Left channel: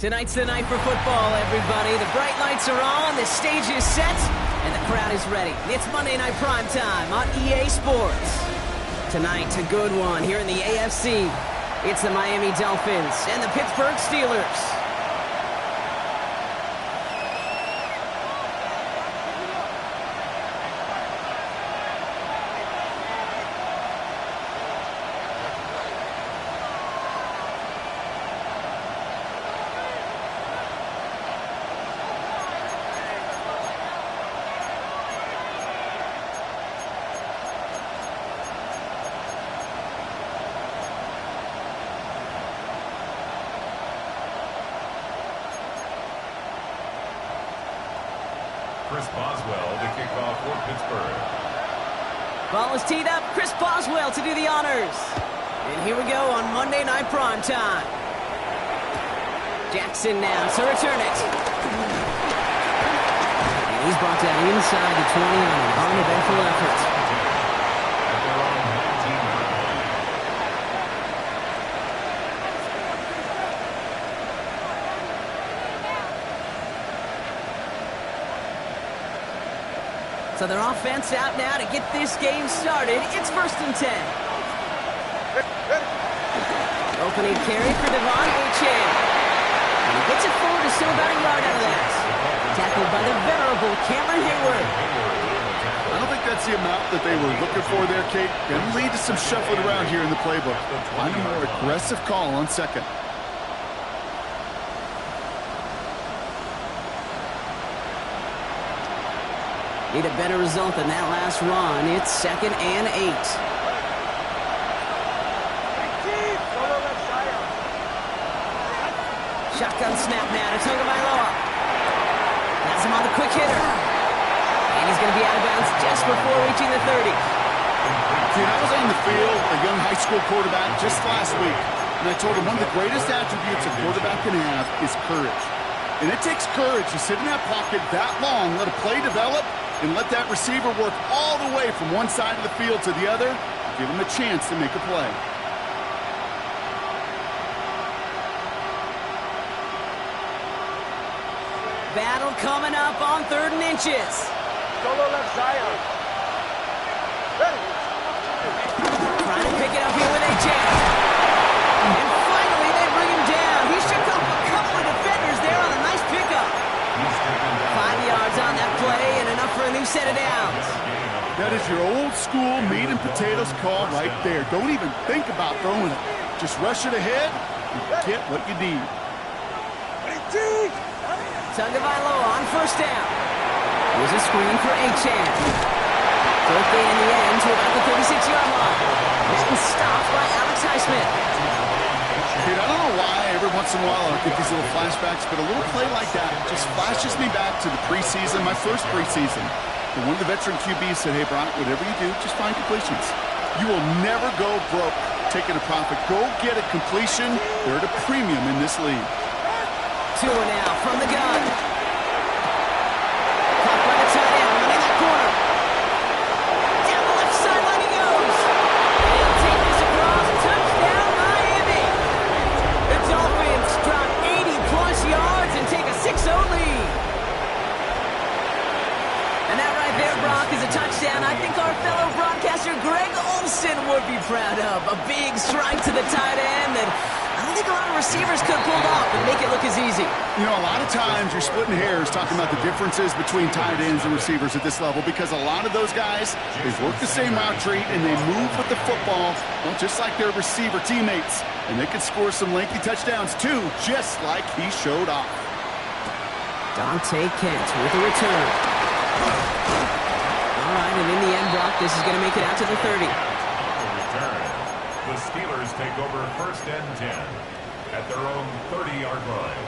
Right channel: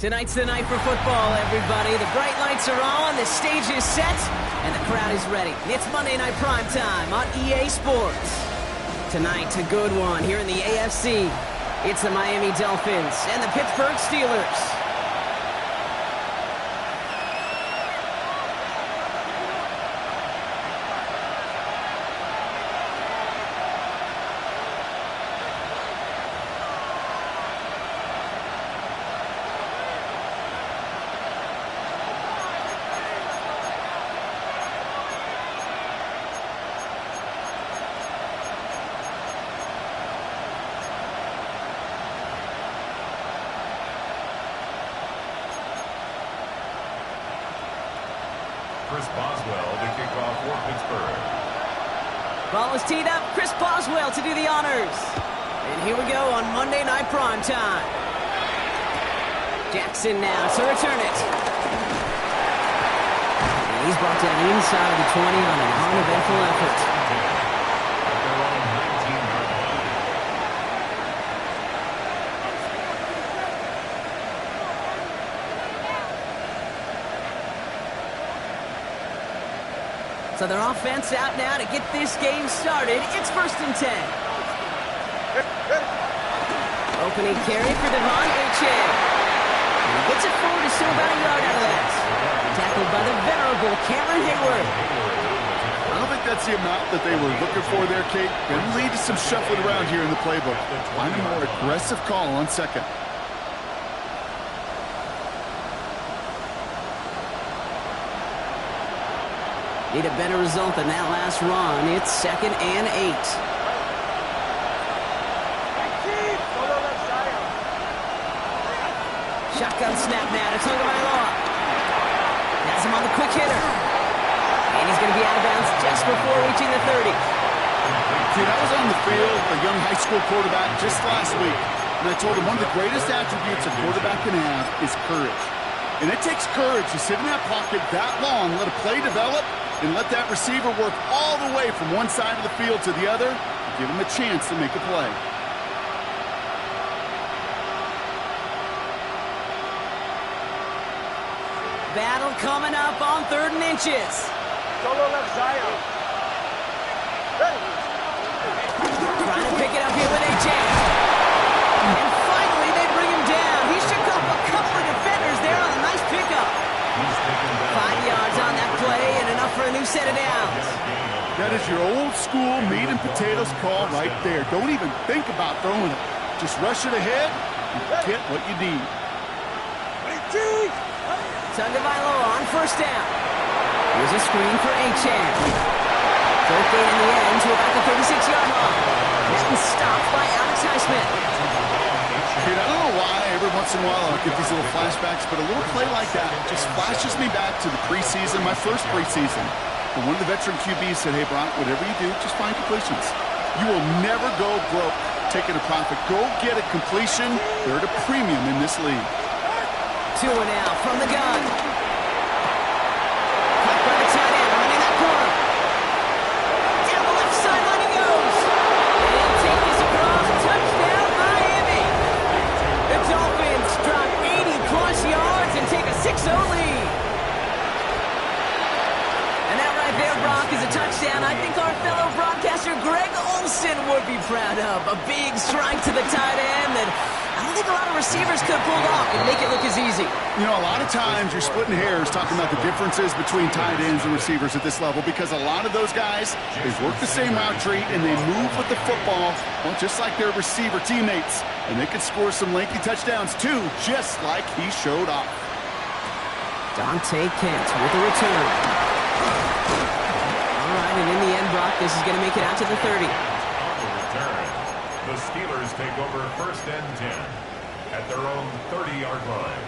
Tonight's the night for football, everybody. The bright lights are on, the stage is set, and the crowd is ready. It's Monday Night Primetime on EA Sports. Tonight, a good one here in the AFC. It's the Miami Dolphins and the Pittsburgh Steelers. Chris Boswell to kick off for Pittsburgh. Ball is teed up. Chris Boswell to do the honors. And here we go on Monday Night Primetime. Jackson now to return it. And he's brought down inside the 20 on an uneventful effort. At their own 19-yard line. So their offense out now to get this game started. It's 1st and 10. Opening carry for Devon Achane. And he gets it forward to still about a yard out of that. Tackled by the venerable Cameron Hayward. I don't think that's the amount that they were looking for there, Kate. Going to lead to some shuffling around here in the playbook. Find a more aggressive call on second. Need a better result than that last run. It's 2nd and 8. Shotgun snap now to Tagovailoa. Has him on the quick hitter. And he's going to be out of bounds just before reaching the 30. See, I was on the field, a young high school quarterback, just last week. And I told him one of the greatest attributes a quarterback can have is courage. And it takes courage to sit in that pocket that long, let a play develop, and let that receiver work all the way from one side of the field to the other, and give him a chance to make a play. Battle coming up on 3rd and inches. Solo left Zion. Ready. Trying to pick it up here with Achane. And finally they bring him down. He shook off a couple of defenders there on a nice pickup. 5 yards on that play and enough for a new set of downs. That is your old school meat and potatoes call right there. Don't even think about throwing it. Just rush it ahead and get what you need. Tagovailoa on 1st down. Here's a screen for Achane. Throw gain in the end to about the 36-yard line. Then stopped by Alex Highsmith. Dude, I don't know why every once in a while I get these little flashbacks, but a little play like that just flashes me back to the preseason, my first preseason. But one of the veteran QBs said, hey, Brock, whatever you do, just find completions. You will never go broke taking a profit. Go get a completion. They're at a premium in this league. 2 and out from the gun. Caught by the tight end, running that corner. Down the left sideline he goes. And he'll take this across. Touchdown, Miami. The Dolphins drop 80-plus yards and take a 6-0 lead. And that right there, Brock, is a touchdown I think our fellow broadcaster Greg Olsen would be proud of. A big strike to the tight end that I don't think a lot of receivers could have pulled off and make it look as easy. You know, a lot of times you're splitting hairs talking about the differences between tight ends and receivers at this level because a lot of those guys, they work the same route tree and they move with the football, well, just like their receiver teammates. And they can score some lengthy touchdowns too, just like he showed off. Dante Kent with a return. All right, and in the end, Brock, this is going to make it out to the 30. On the return, the Steelers take over 1st and 10 at their own 30-yard line.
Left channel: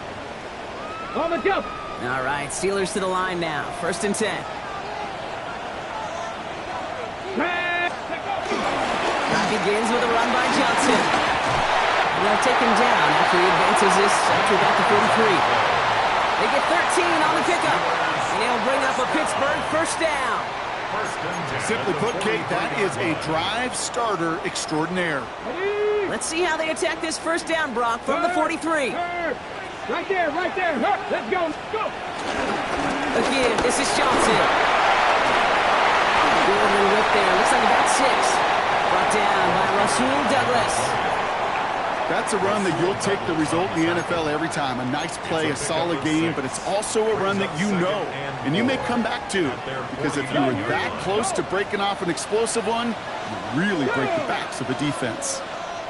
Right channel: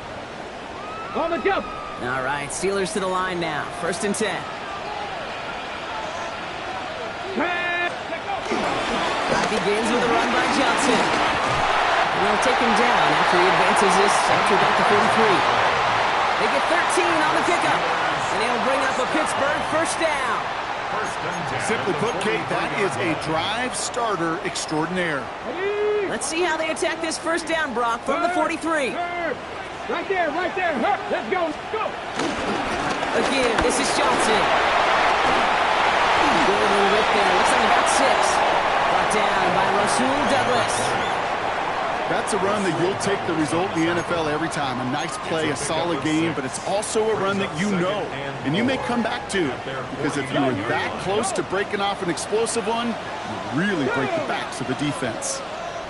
On the jump. All right, Steelers to the line now. 1st and 10. Drive begins with a run by Johnson. And they'll take him down after he advances this up to about the 43. They get 13 on the pickup. And they'll bring up a Pittsburgh 1st down. 1st and 10. Simply put, Kate, that is a drive starter extraordinaire. Let's see how they attack this 1st down, Brock, from the 43. Right there, right there. Let's go. Go. Again, this is Johnson. Good little rip there. Looks like about 6. Brought down by Rasul Douglas. That's a run that you'll take the result in the NFL every time. A nice play, a solid game, but it's also a run that you know and you may come back to. Because if you were that close to breaking off an explosive one, you really break the backs of the defense.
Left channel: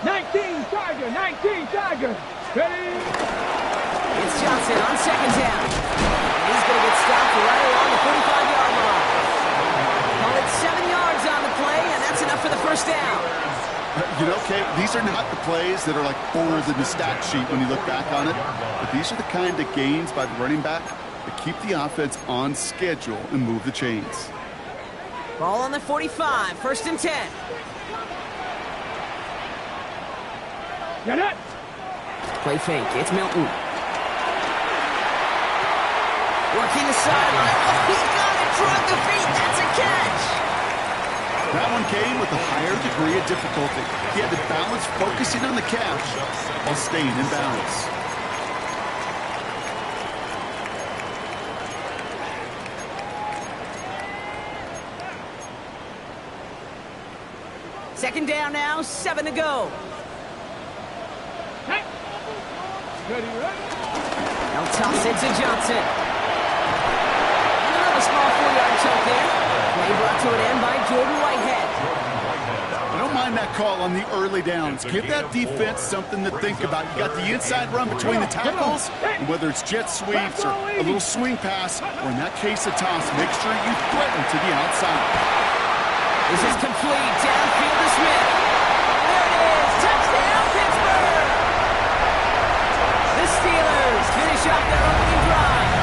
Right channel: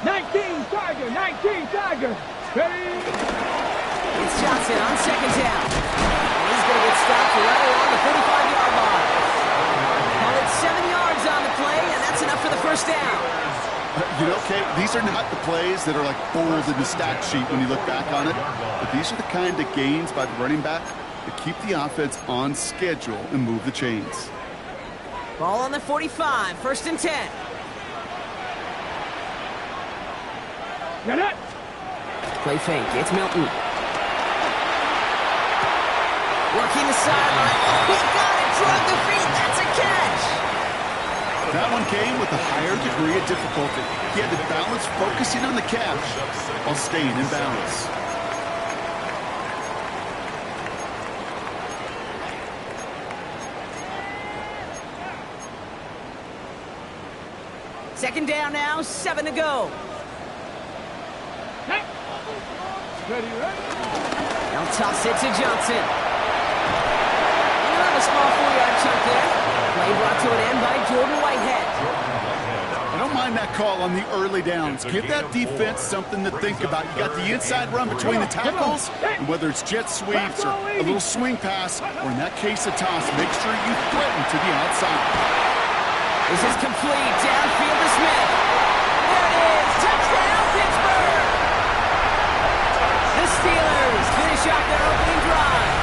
19 Tiger, 19 Tiger. Ready? It's Johnson on second down. And he's going to get stopped right around the 45-yard line. Call it 7 yards on the play, and that's enough for the first down. You know, Kate, these are not the plays that are like bold in the stat sheet when you look back on it. But these are the kind of gains by the running back that keep the offense on schedule and move the chains. Ball on the 45, 1st and 10. Get it. Play fake. It's Milton. Working the sideline. Oh, he got it. Drug the feet. That's a catch. That one came with a higher degree of difficulty. He had to balance focusing on the catch while staying in bounds. Second down now, 7 to go. Hey. Ready, ready. They'll toss it to Johnson. And another small 4-yard chunk there. Play brought to an end by Jordan Whitehead. I don't mind that call on the early downs. Give that defense something to think about. You got the inside run between the tackles, and whether it's jet sweeps or a little swing pass, or in that case a toss, make sure you threaten to the outside. This is complete. Downfield to Smith. There it is. Touchdown, Pittsburgh! The Steelers finish off their opening drive.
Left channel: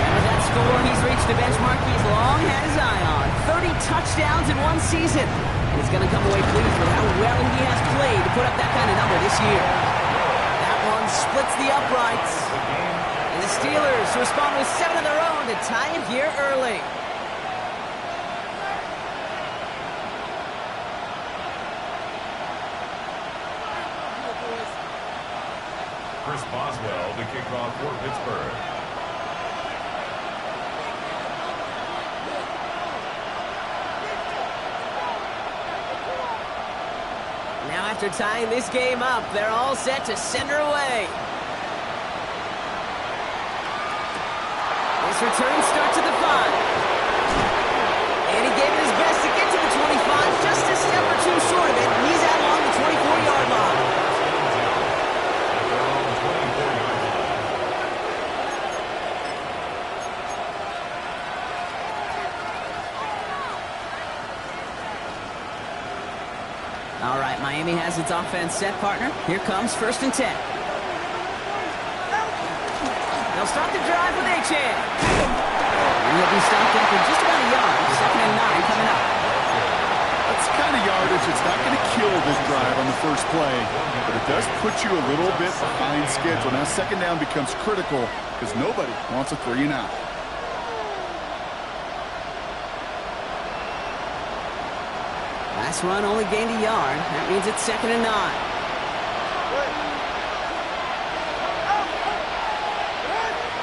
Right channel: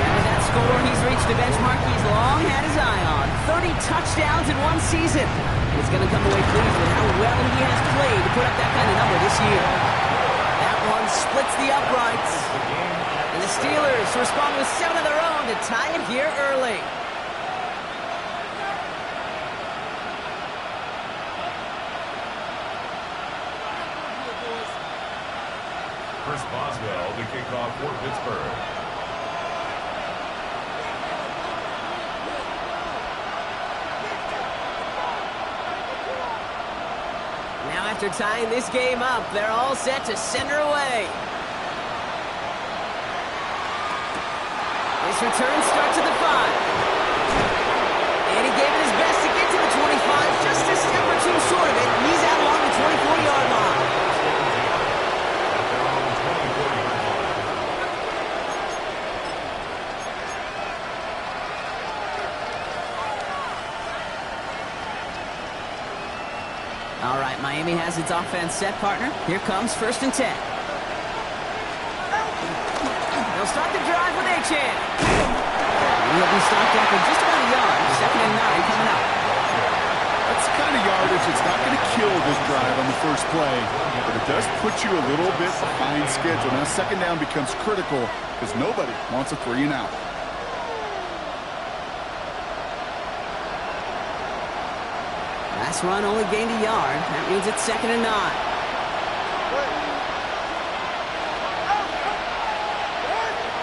And with that score, he's reached a benchmark he's long had his eye on. 30 touchdowns in one season. And he's going to come away pleased with how well he has played to put up that kind of number this year. That one splits the uprights. And the Steelers respond with 7 of their own to tie it here early. Chris Boswell to kick off for Pittsburgh. Now after tying this game up, they're all set to send her away. This return starts at the 5. And he gave it his best to get to the 25, just a step or two short of it. And he's out along the 24-yard line. All right, Miami has its offense set, partner. Here comes 1st and 10. They'll start the drive with Achane. And he'll be stopped after just about a yard. 2nd and 9 coming up. That's the kind of yardage that's not going to kill this drive on the first play, but it does put you a little bit behind schedule. Now 2nd down becomes critical because nobody wants a 3 and out. Last run only gained a yard. That means it's 2nd and 9.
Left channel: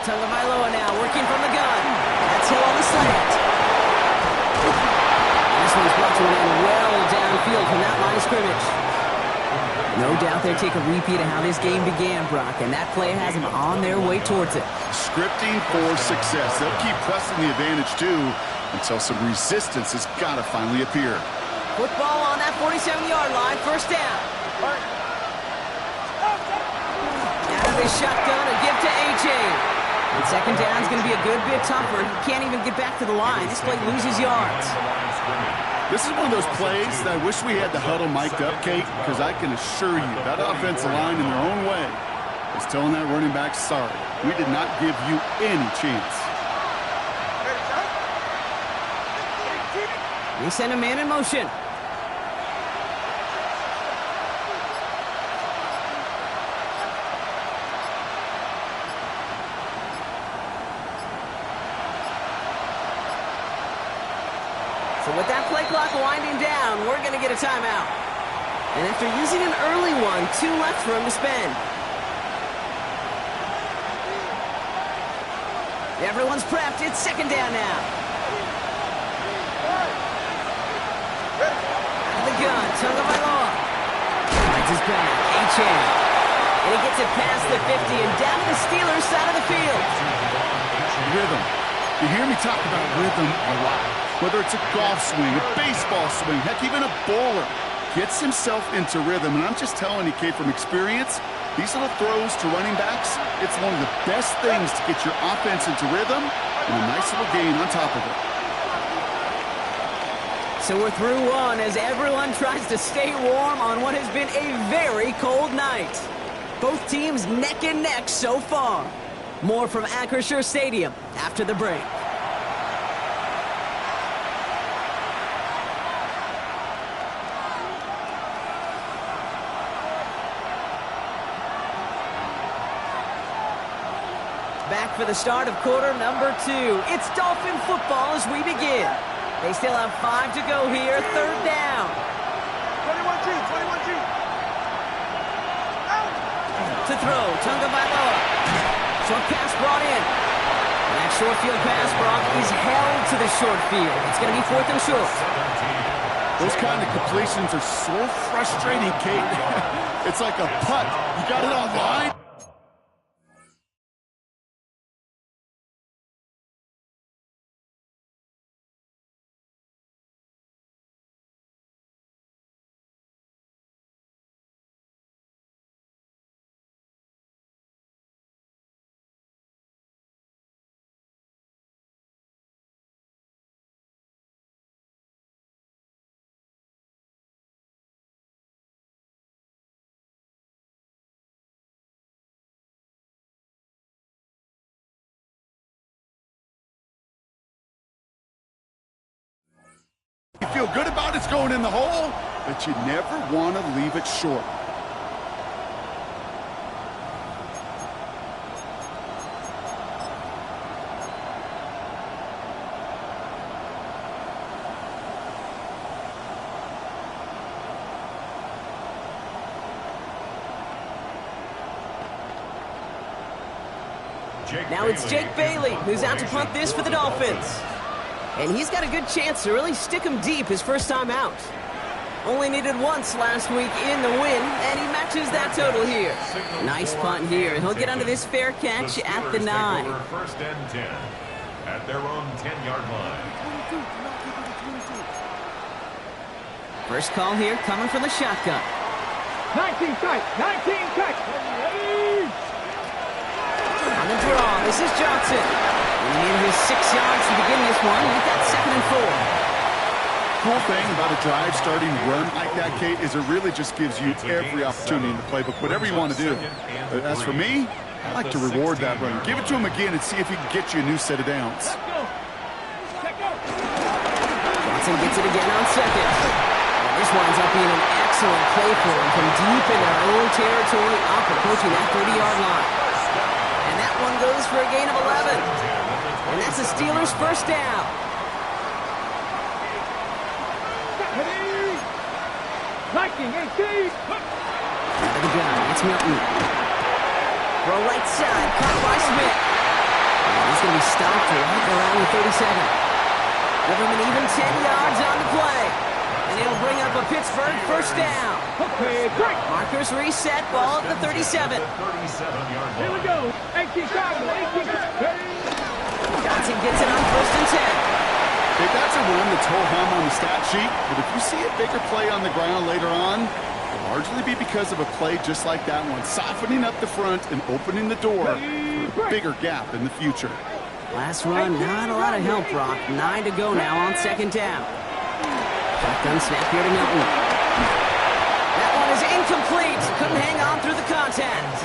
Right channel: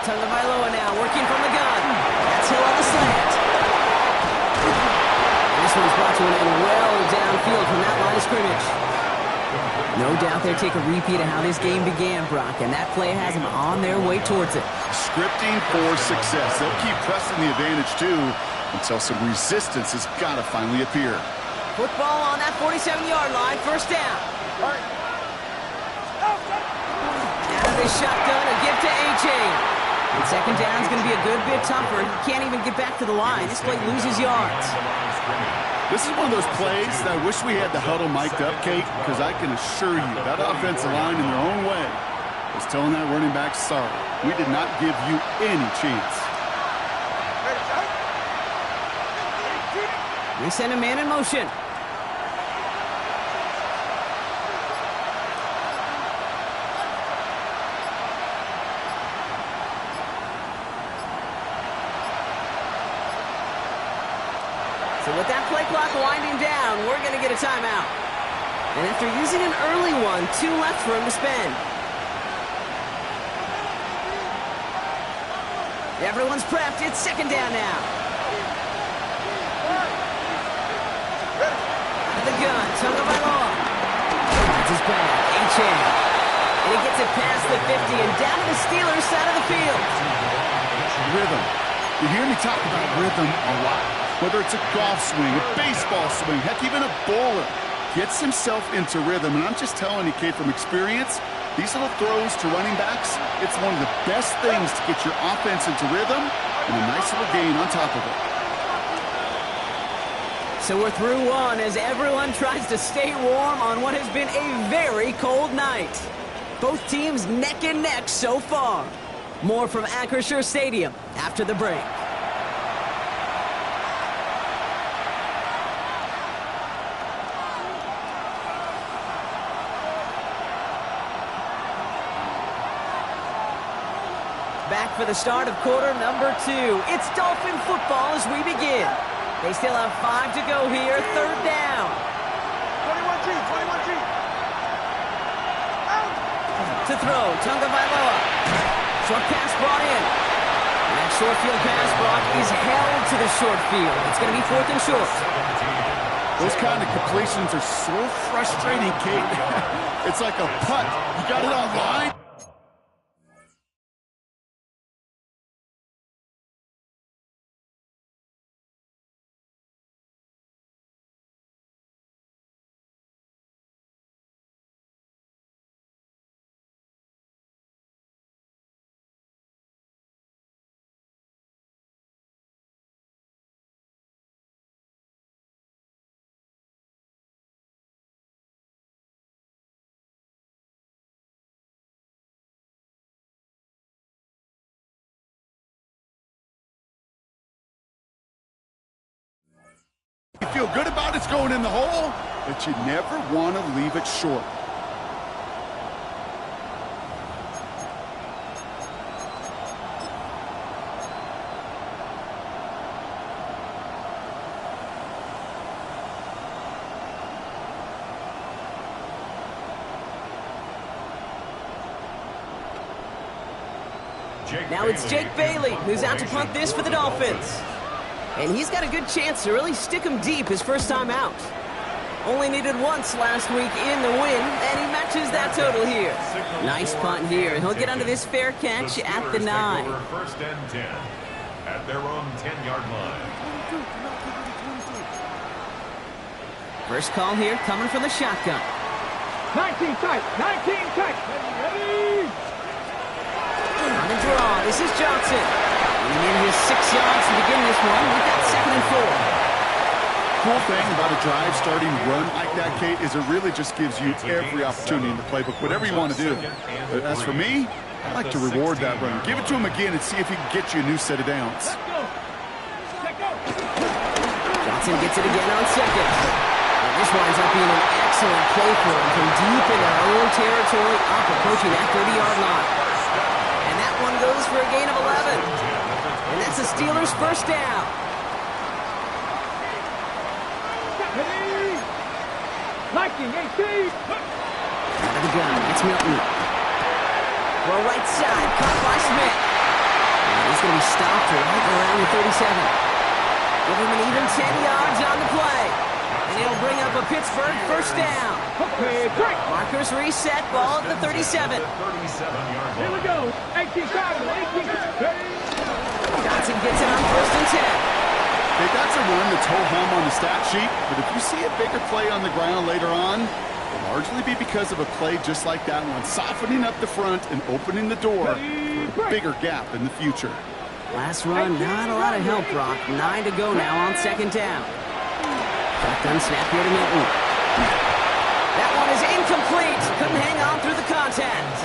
Tagovailoa now working from the gun. That's Hill on the slant. And this one's brought to an end well downfield from that line of scrimmage. No doubt they'll take a repeat of how this game began, Brock, and that play has them on their way towards it. Scripting for success. They'll keep pressing the advantage, too, until some resistance has got to finally appear. Football on that 47-yard line, 1st down. Out of the shotgun, a give to Achane. And 2nd down is going to be a good bit tougher. He can't even get back to the line. This play loses yards. This is one of those plays that I wish we had the huddle mic'd up, Kate, because I can assure you that offensive line in their own way is telling that running back, sorry, we did not give you any chance. They send a man in motion. So with that play clock winding down, we're going to get a timeout. And after using an early one, 2 left for him to spend. Everyone's prepped. It's second down now. Out of the gun, Tagovailoa. Finds his back, Achane. And he gets it past the 50 and down to the Steelers' side of the field. Rhythm. You hear me talk about rhythm a lot. Whether it's a golf swing, a baseball swing, heck, even a bowler gets himself into rhythm. And I'm just telling you, kid, from experience, these little throws to running backs, it's one of the best things to get your offense into rhythm and a nice little gain on top of it. So we're through one as everyone tries to stay warm on what has been a very cold night. Both teams neck and neck so far. More from Acrisure Stadium after the break. Back for the start of quarter number 2. It's Dolphin football as we begin. They still have 5 to go here, third down. 21G, 21G. Out. To throw, Tagovailoa. Short pass brought in. And that short field pass, Brock, is held to the short field. It's going to be 4th and short. Those kind of completions are so frustrating, Kate. It's like a putt. You got it on line. You feel good about it's going in the hole, but you never want to leave it short. Now it's Jake Bailey who's out to punt this for the Dolphins. And he's got a good chance to really stick him deep his first time out. Only needed once last week in the win, and he matches that total here. Nice punt here. He'll get under this fair catch at the 9. First and 10 at their own 10-yard line. First call here coming from the shotgun. 19 tight, 19 tight. Ready. On the draw, this is Johnson. He needed his 6 yards to begin this one. We've got 2nd and 4. Cool thing about a drive starting run like that, Kate, is it really just gives you every opportunity in the playbook, whatever you want to do. But as for me, I like to reward that run. Give it to him again and see if he can get you a new set of downs. Johnson gets it again on 2nd. And this winds up being an excellent play for him from deep in their own territory, up approaching that 30-yard line. And that one goes for a gain of 11. And that's the Steelers' first down. Liking 18. Out of the gun, it's Milton. Throw right side, caught by Smith. And he's going to be stopped right around the 37. Give him an even 10 yards on the play. And it'll bring up a Pittsburgh first down. Okay, break. Markers reset, ball at the 37. Here we go. 18 times, 18 times. Johnson gets it on 1st and 10. Hey, that's a run that's ho-hum on the stat sheet, but if you see a bigger play on the ground later on, it'll largely be because of a play just like that one, softening up the front and opening the door for a bigger gap in the future. Last run, not a lot of help, Brock. 9 to go now on 2nd down. Shotgun snap here to Milton. That one is incomplete. Couldn't hang on through the contact.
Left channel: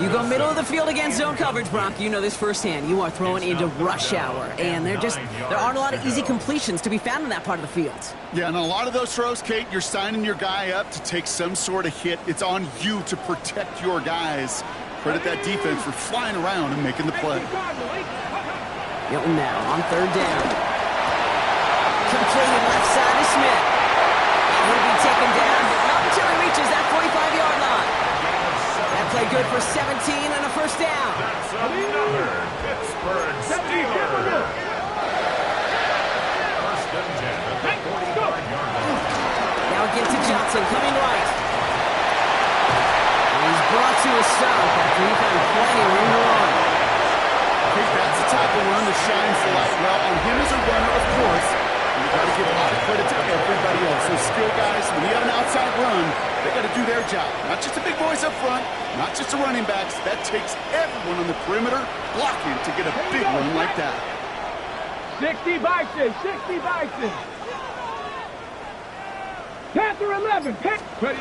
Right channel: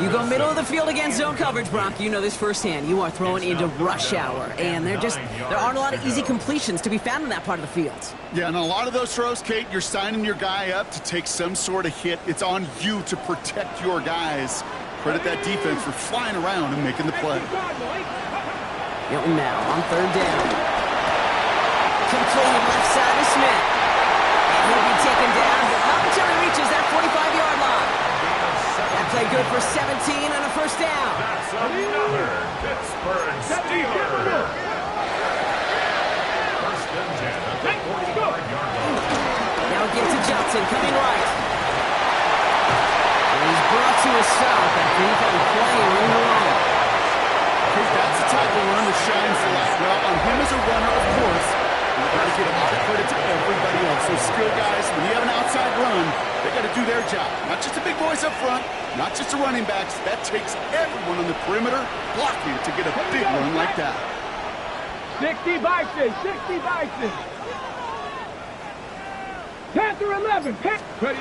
You go middle of the field against zone coverage, Brock. You know this firsthand. You are throwing into rush hour, and there aren't a lot of easy completions to be found in that part of the field. Yeah, and a lot of those throws, Kate, you're signing your guy up to take some sort of hit. It's on you to protect your guys. Credit that defense for flying around and making the play. Milton now on 3rd down. Completed left side to Smith. And he'll be taken down, but not until he reaches that 45-yard line. That play good for 17 and a first down. That's another Pittsburgh Steeler. First and 10 at the 45-yard line. Now again to Johnson, coming right. And he's brought to a stop after he found plenty of room to run. Okay, that's the type of run that shines the light well on him as a runner, of course. You've got to give a lot of credit to everybody else. Those skill guys, when you have an outside run, they got to do their job. Not just the big boys up front, not just the running backs. That takes everyone on the perimeter blocking to get a big run like that. 60 Bison, 60 Bison. Panther 11, Ready.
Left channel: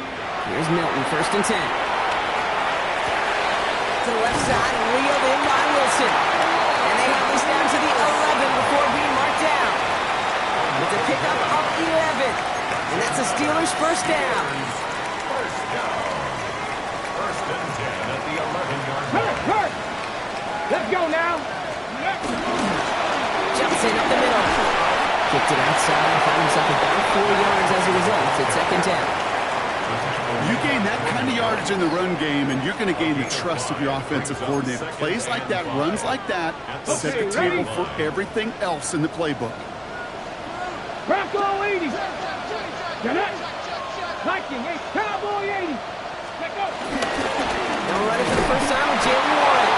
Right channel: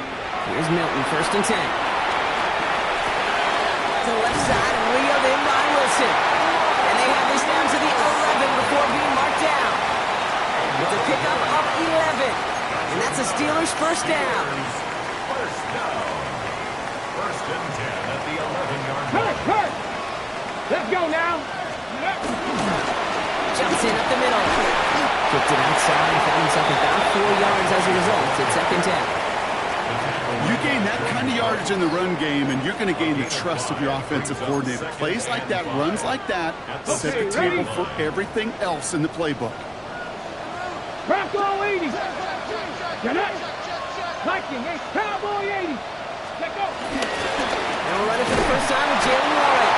Here's Milton, first and 10. To the left side and reeled in by Wilson. And they have this down to the 11 before being marked down. With a pickup of 11. And that's a Steelers first down. First down. First and 10 at the 11-yard line. Hurt. Let's go now. Johnson up the middle. Kicked it outside, found himself about 4 yards as a result. It's second down. You gain that kind of yardage in the run game, and you're going to gain the trust of your offensive coordinator. Plays like that, runs like that, set the table for everything else in the playbook. Bronco 80. Get it. Viking 8. Cowboy 80. Let go. Now we're running for the first time with Jalen Warren.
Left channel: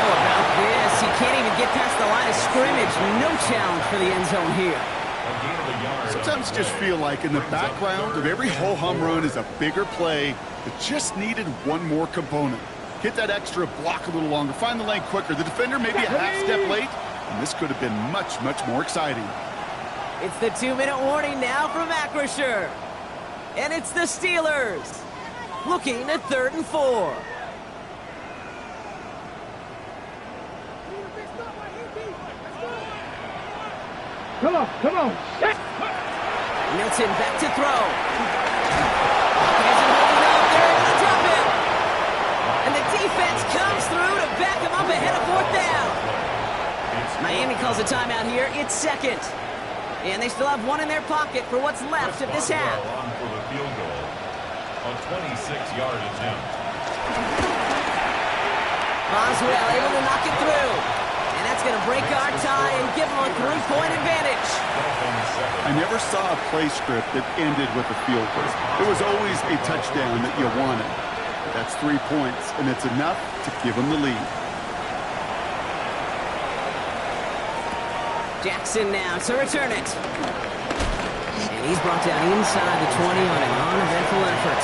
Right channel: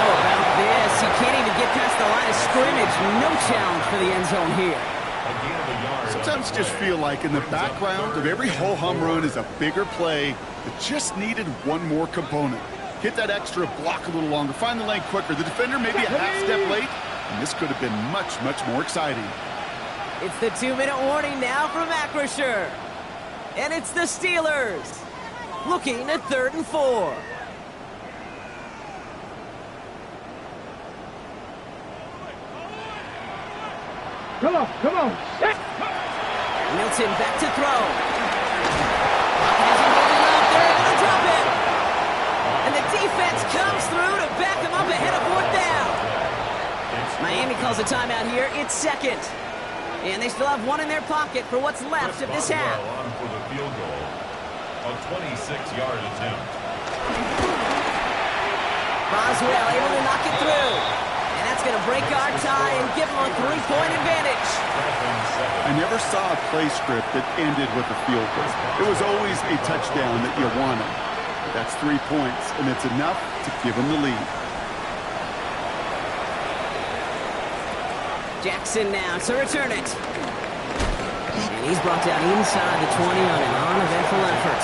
How about this? He can't even get past the line of scrimmage. No challenge for the end zone here. Sometimes you just feel like in the background of every ho-hum run is a bigger play that just needed one more component. Hit that extra block a little longer, find the lane quicker. The defender maybe a half step late, and this could have been much, much more exciting. It's the 2-minute warning now from Acrisure. And it's the Steelers looking at 3rd and 4. Come on. Milton back to throw. Pocket isn't holding up. They're able to drop him. And the defense comes through to back him up ahead of 4th down. Miami calls a timeout here. It's second. And they still have one in their pocket for what's left of this half. On for the field goal. A 26-yard attempt. Boswell able to knock it through. And that's going to break our tie and give them a 3-point advantage. I never saw a play script that ended with a field goal. It was always a touchdown that you wanted. But that's 3 points, and it's enough to give them the lead. Jackson now to return it. And he's brought down inside the 20 on an uneventful effort.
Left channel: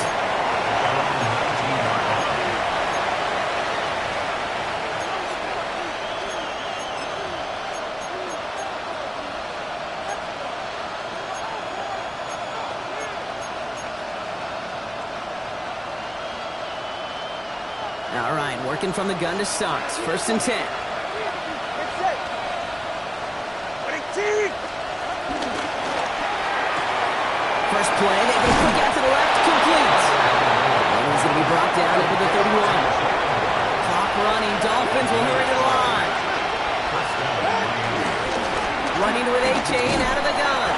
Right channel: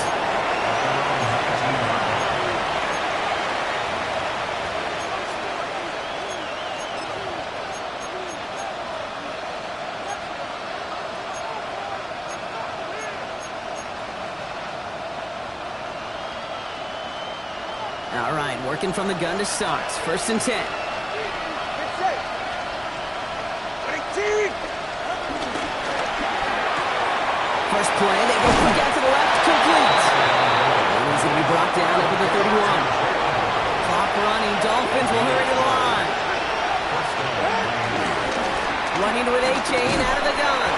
All right, working from the gun to start. First and 10. First play, they go quick out to the left, complete. And he's going to be brought down up to the 31. Clock running, Dolphins will hurry to the line. Running with A-Chain out of the gun.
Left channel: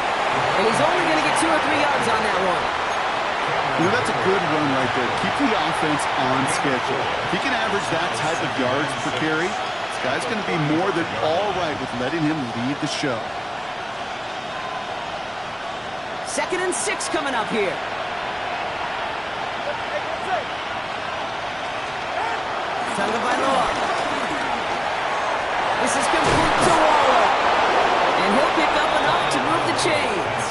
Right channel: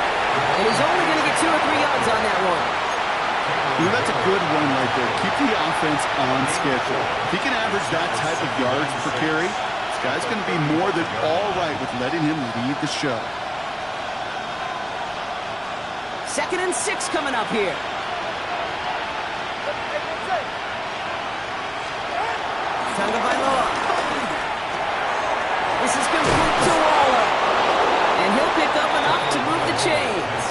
And he's only going to get 2 or 3 yards on that one. You know, that's a good run right there. Keep the offense on schedule. If he can average that type of yards per carry, this guy's going to be more than all right with letting him lead the show. 2nd and 6 coming up here. Tagovailoa. This is complete to Waller. And he'll pick up enough to move the chains.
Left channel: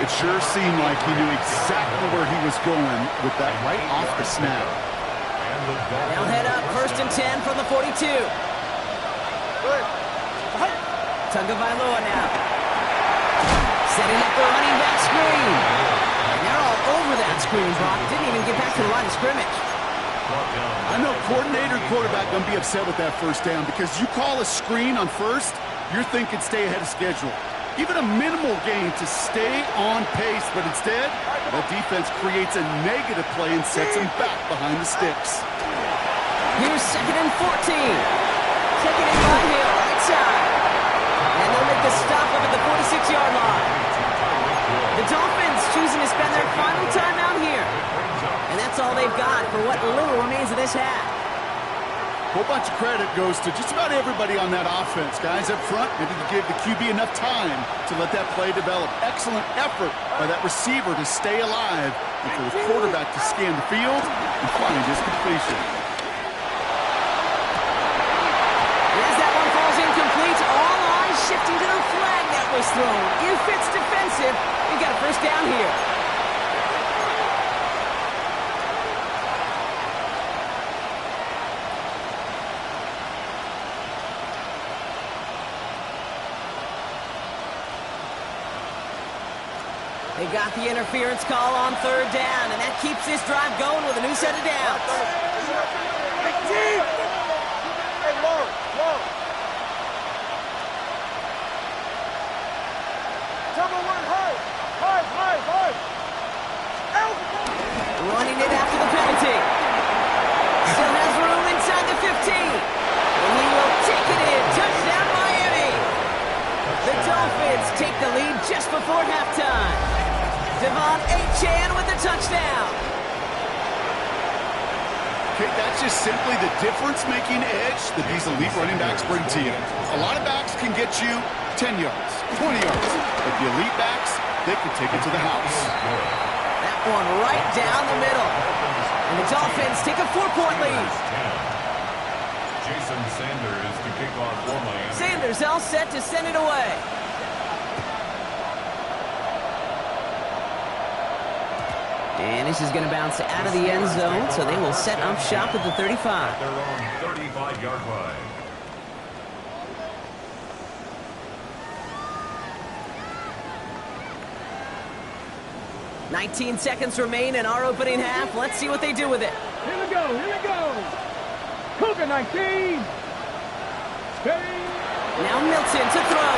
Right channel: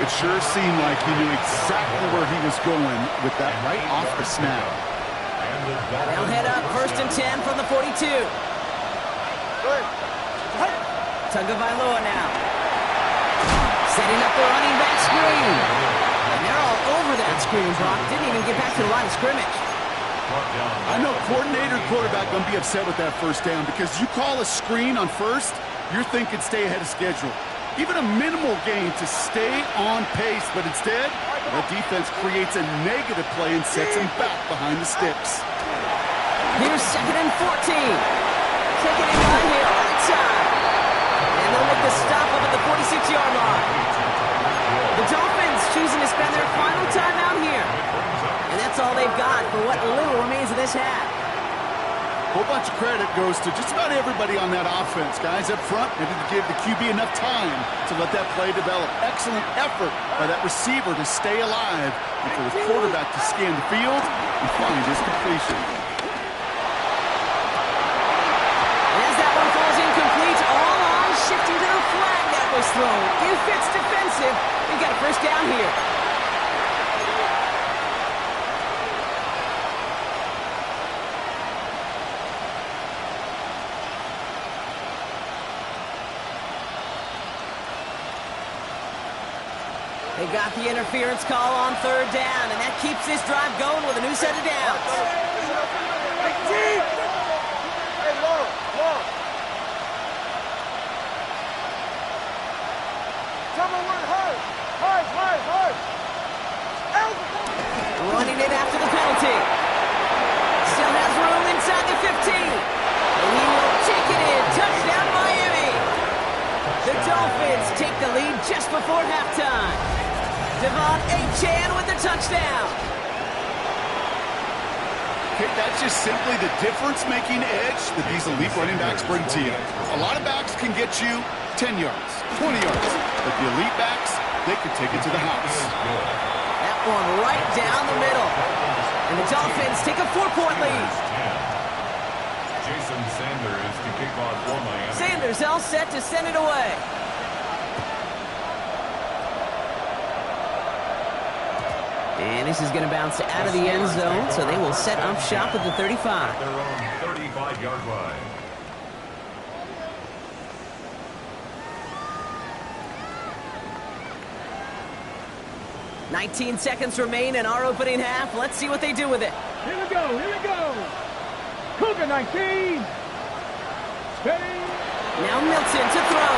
It sure seemed like he knew exactly where he was going with that right off the snap. They'll head up 1st and 10 from the 42. Tagovailoa now. Setting up the running back screen. And they're all over that screen, Brock. Didn't even get back to the line of scrimmage. I know coordinator and quarterback going to be upset with that first down because you call a screen on first, you're thinking stay ahead of schedule. Even a minimal gain to stay on pace, but instead, the defense creates a negative play and sets them back behind the sticks. Here's 2nd and 14. Taking it by Hill, right side. And they'll make the stop up at the 46-yard line. The Dolphins choosing to spend their final timeout here. And that's all they've got for what little remains of this half. A whole bunch of credit goes to just about everybody on that offense. Guys up front needed to give the QB enough time to let that play develop. Excellent effort by that receiver to stay alive and for the quarterback to scan the field and find his completion. And as that one falls incomplete, all eyes shifting to the flag that was thrown. If it's defensive, we've got a first down here. They got the interference call on third down, and that keeps this drive going with a new set of downs. Hey, low. Tell me one high. Running it after the penalty. Still has room inside the 15. And he will take it in. Touchdown, Miami. The Dolphins take the lead just before halftime. Devon Achane with the touchdown. Okay, that's just simply the difference-making edge that these elite running backs bring to you. A lot of backs can get you 10 yards, 20 yards, but the elite backs, they can take it to the house. That one right down the middle. And the Dolphins take a 4-point lead. Jason Sanders to kick off for Miami. Sanders all set to send it away. And this is going to bounce out of the end zone, so they will set up shop at the 35. Their own 35-yard line. "19 seconds remain in our opening half. Let's see what they do with it. Here we go. Cougar 19. Steady. Now Milton to throw.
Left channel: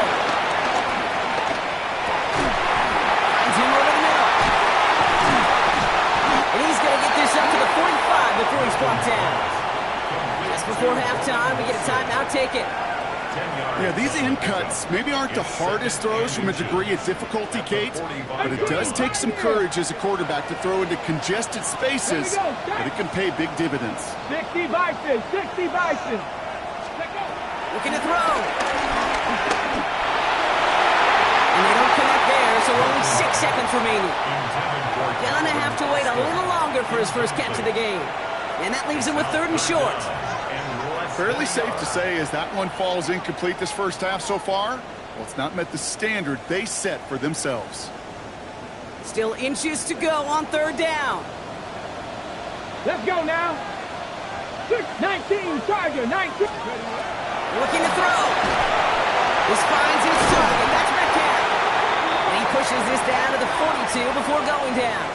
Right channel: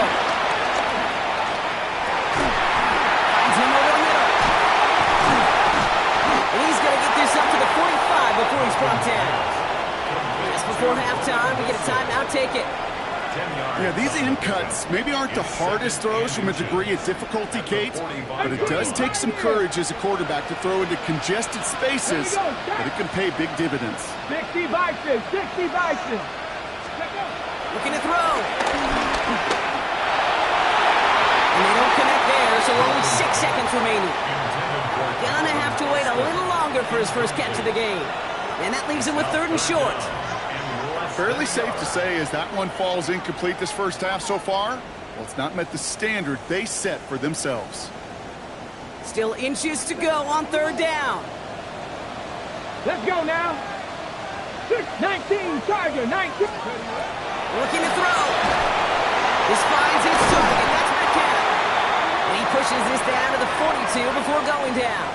Finds him over the middle. And he's going to get this up to the 45 before he's brought down. Just before halftime, we get a timeout. Take it. Yeah, these in cuts maybe aren't the hardest throws from a degree of difficulty, Kate, but it does take some courage as a quarterback to throw into congested spaces, but it can pay big dividends. 60 Bison. Let go. Looking to throw. And they don't connect there, so only 6 seconds remaining. Gonna have to wait a little longer for his first catch of the game. And that leaves him with 3rd and short. Fairly safe to say as that one falls incomplete this first half so far, well, it's not met the standard they set for themselves. Still inches to go on 3rd down. Let's go now. 19, Charger, 19. Looking to throw. This finds his target. That's Metcalf. And he pushes this down to the 42 before going down.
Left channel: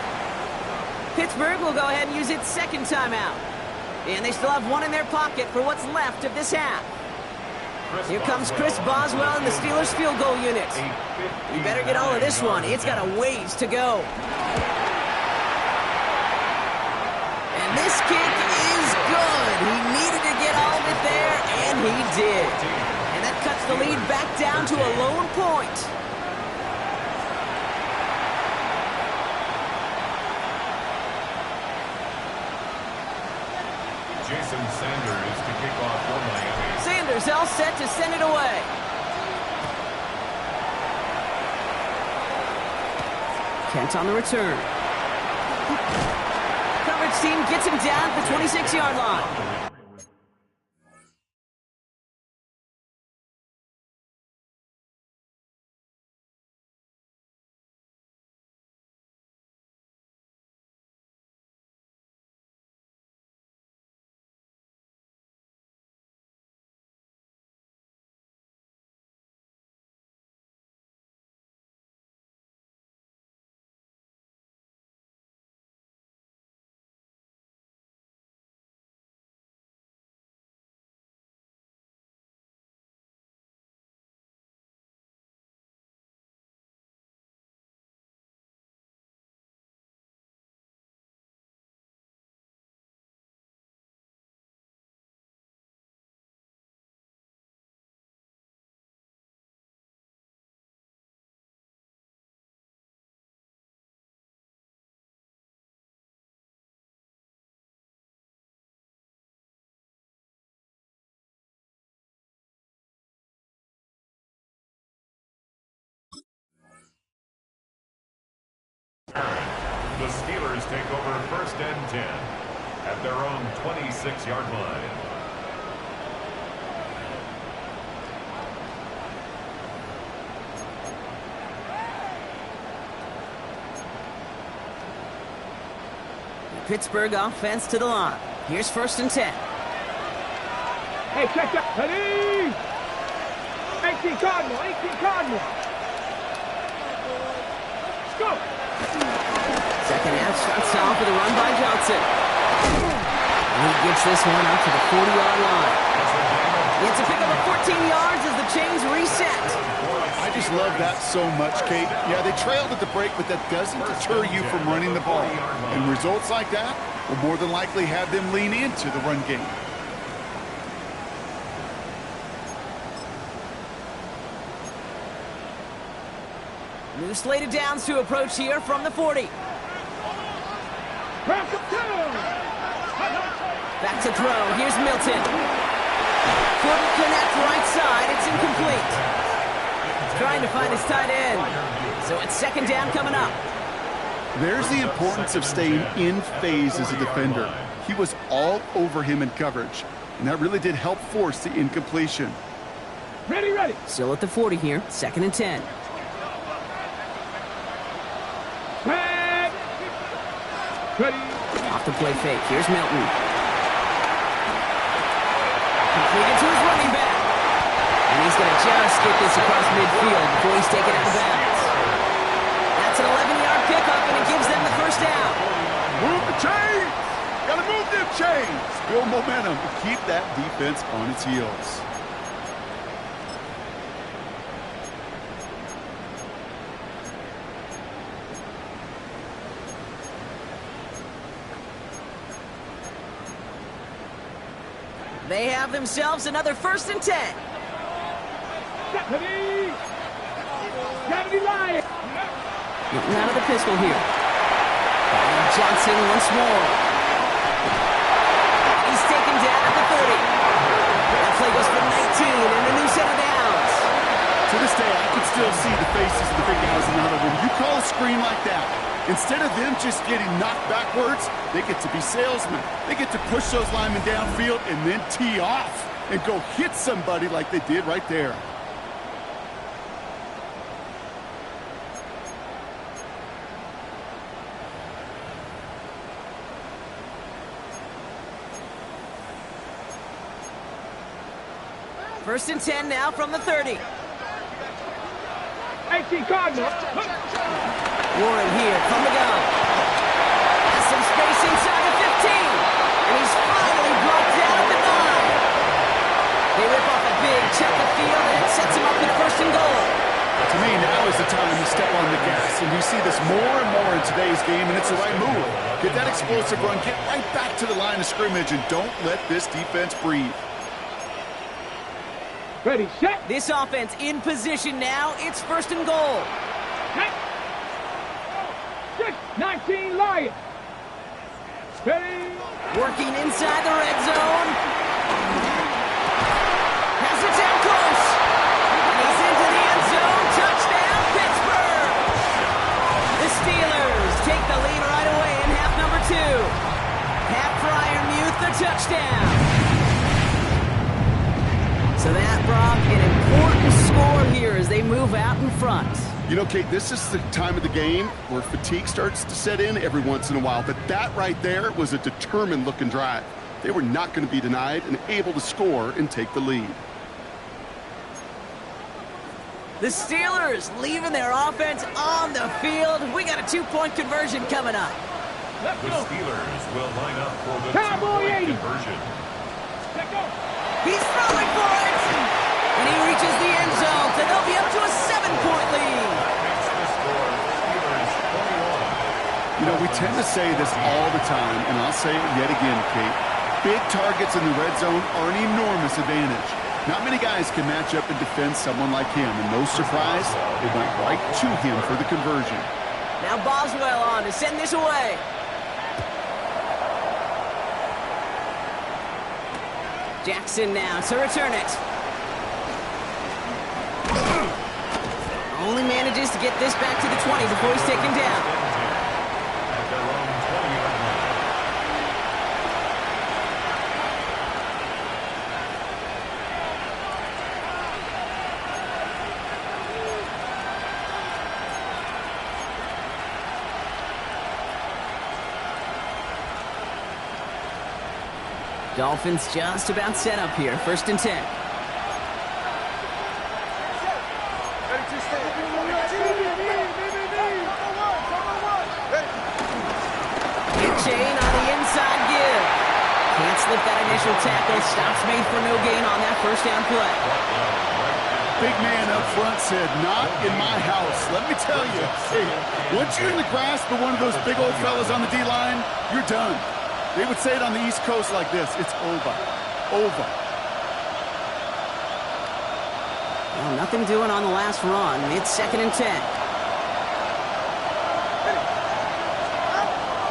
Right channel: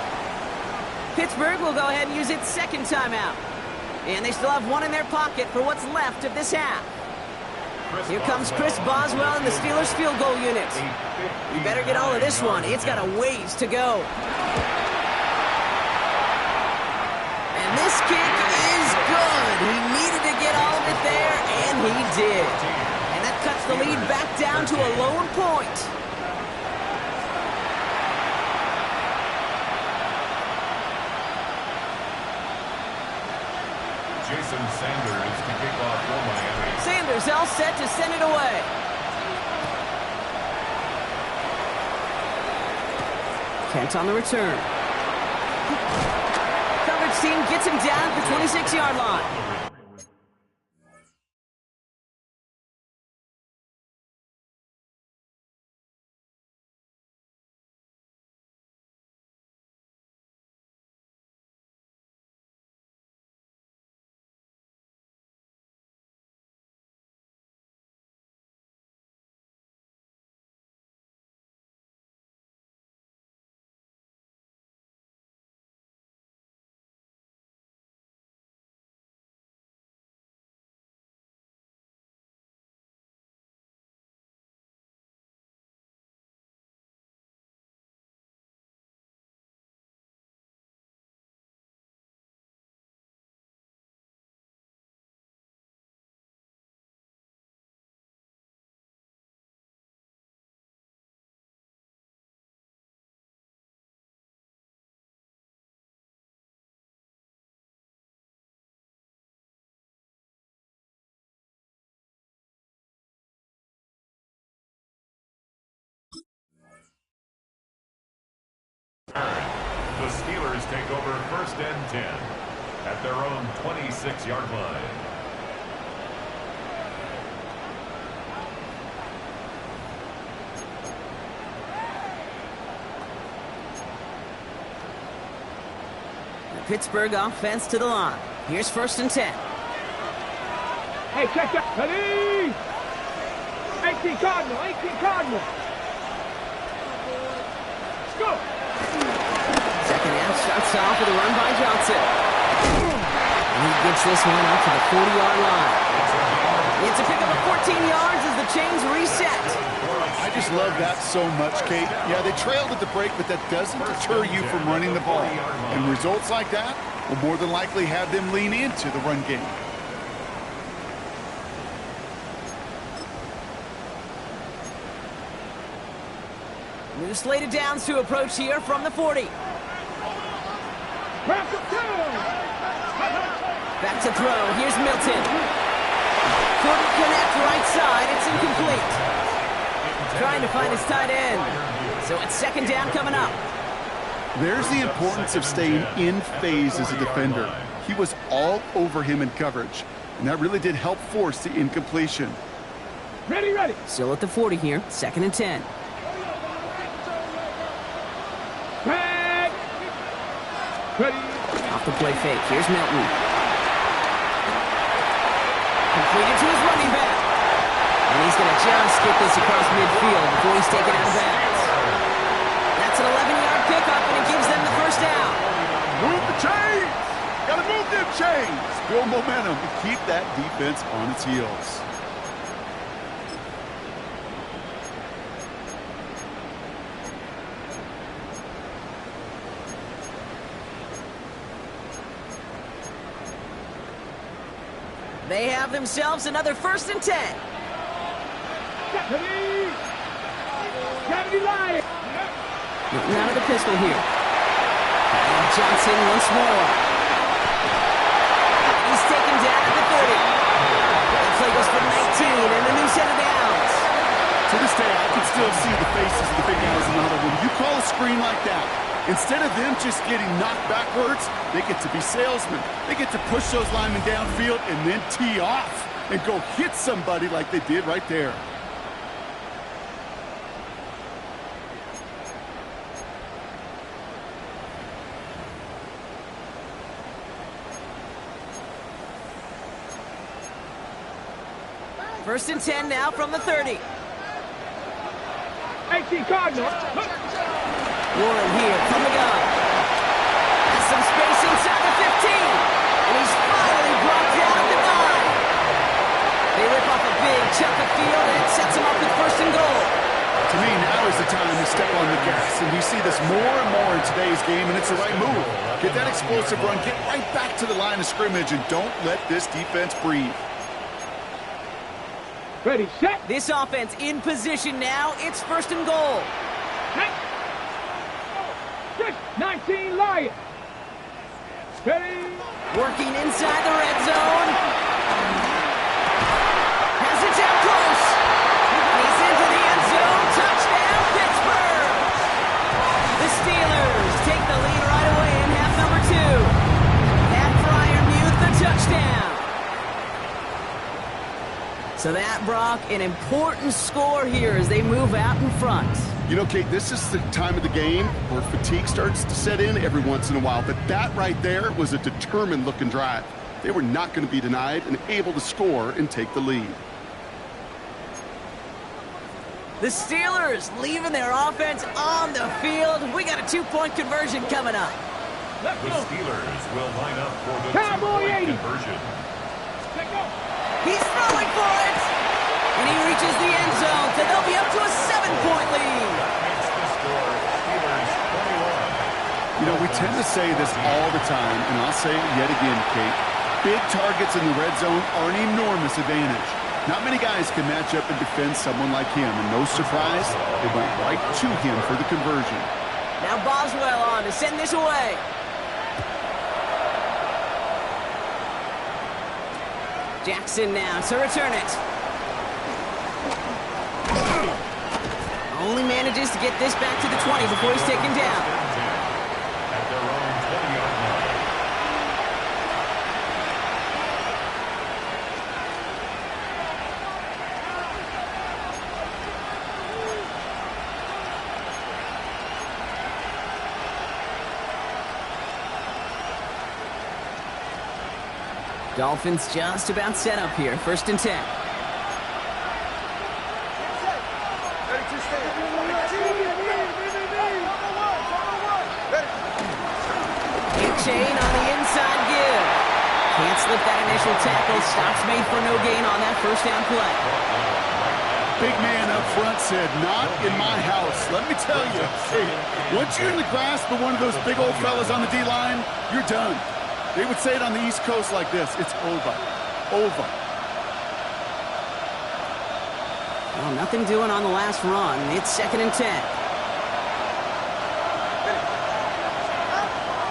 Pittsburgh will go ahead and use its 2nd timeout. And they still have one in their pocket for what's left of this half. Here comes Chris Boswell and the Steelers field goal unit. You better get all of this one. It's got a ways to go. And this kick is good. He needed to get all of it there, and he did. And that cuts the lead back down to a lone point. Jason Sanders to kick off for Miami. Sanders all set to send it away. Kent on the return. Coverage team gets him down at the 26-yard line. Steelers take over first and 10 at their own 26-yard line. The Pittsburgh offense to the line. Here's first and 10. Hey, check that. Ready? 18 Cardinal, 18 Cardinal. Let's go. Second half starts off with a run by Johnson. And he gets this one up to the 40-yard line. It's a pickup of 14 yards as the chains reset. I just love that so much, Kate. Yeah, they trailed at the break, but that doesn't deter you from running the ball. And results like that will more than likely have them lean into the run game. New slated downs to approach here from the 40. Back to throw. Here's Milton. Couldn't connect right side. It's incomplete. Trying to find his tight end. So it's second down coming up. There's the importance of staying in phase as a defender. He was all over him in coverage, and that really did help force the incompletion. Ready, ready. Still at the 40 here. Second and 10. Back. Ready. Off the play fake. Here's Milton. Completed to his running back. And he's going to just get this across midfield before he's taken out of bounds. That's an 11-yard pickup, and it gives them the first down. Move the chains! Gotta move them chains! Build momentum and keep that defense on its heels. They have themselves another first and 10. Deputy! Deputy Lion! Milton out of the pistol here. And Johnson once more. He's taken down at the 30. That play goes for 19 and a new set of downs. To this day, I can still see the faces of the big guys in the huddle. When you call a screen like that, instead of them just getting knocked backwards, they get to be salesmen. They get to push those linemen downfield and then tee off and go hit somebody like they did right there. First and 10 now from the 30. 18 Cardinal. Warren here from the gun. Has some space inside the 15. And he's finally brought down at the 9. They rip off a big chunk of field, and it sets him up with first and goal. To me, now is the time to step on the gas. And we see this more and more in today's game, and it's the right move. Get that explosive run, get right back to the line of scrimmage, and don't let this defense breathe. Ready, set. This offense in position now. It's first and goal. 19 Lion. Ready. Working inside the red zone. Has it down close. And he's into the end zone. Touchdown, Pittsburgh. The Steelers take the lead right away in half number 2. Pat Freiermuth, the touchdown. So that, Brock, an important score here as they move out in front. You know, Kate, this is the time of the game where fatigue starts to set in every once in a while. But that right there was a determined-looking drive. They were not going to be denied and able to score and take the lead. The Steelers leaving their offense on the field. We got a 2-point conversion coming up. The Steelers will line up for the Cowboy 2-point 80. conversion. Let go. He's throwing for it. And he reaches the end zone, so they'll be up to a 7-point lead. That makes the score Steelers 21. You know, we tend to say this all the time, and I'll say it yet again, Kate. Big targets in the red zone are an enormous advantage. Not many guys can match up and defend someone like him, and no surprise, it went right to him for the conversion. Now Boswell on to send this away. Jackson now to return it. Only manages to get this back to the 20 before he's taken down. At their own 20-yard line. Dolphins just about set up here. 1st and 10. Kick chain on the inside give. Can't slip that initial tackle. Stops made for no gain on that 1st down play. Big man up front said, not in my house. Let me tell you, hey, once you're in the grasp of one of those big old fellas on the D-line, you're done. They would say it on the East Coast like this, it's over. Over. Well, nothing doing on the last run. It's 2nd and 10.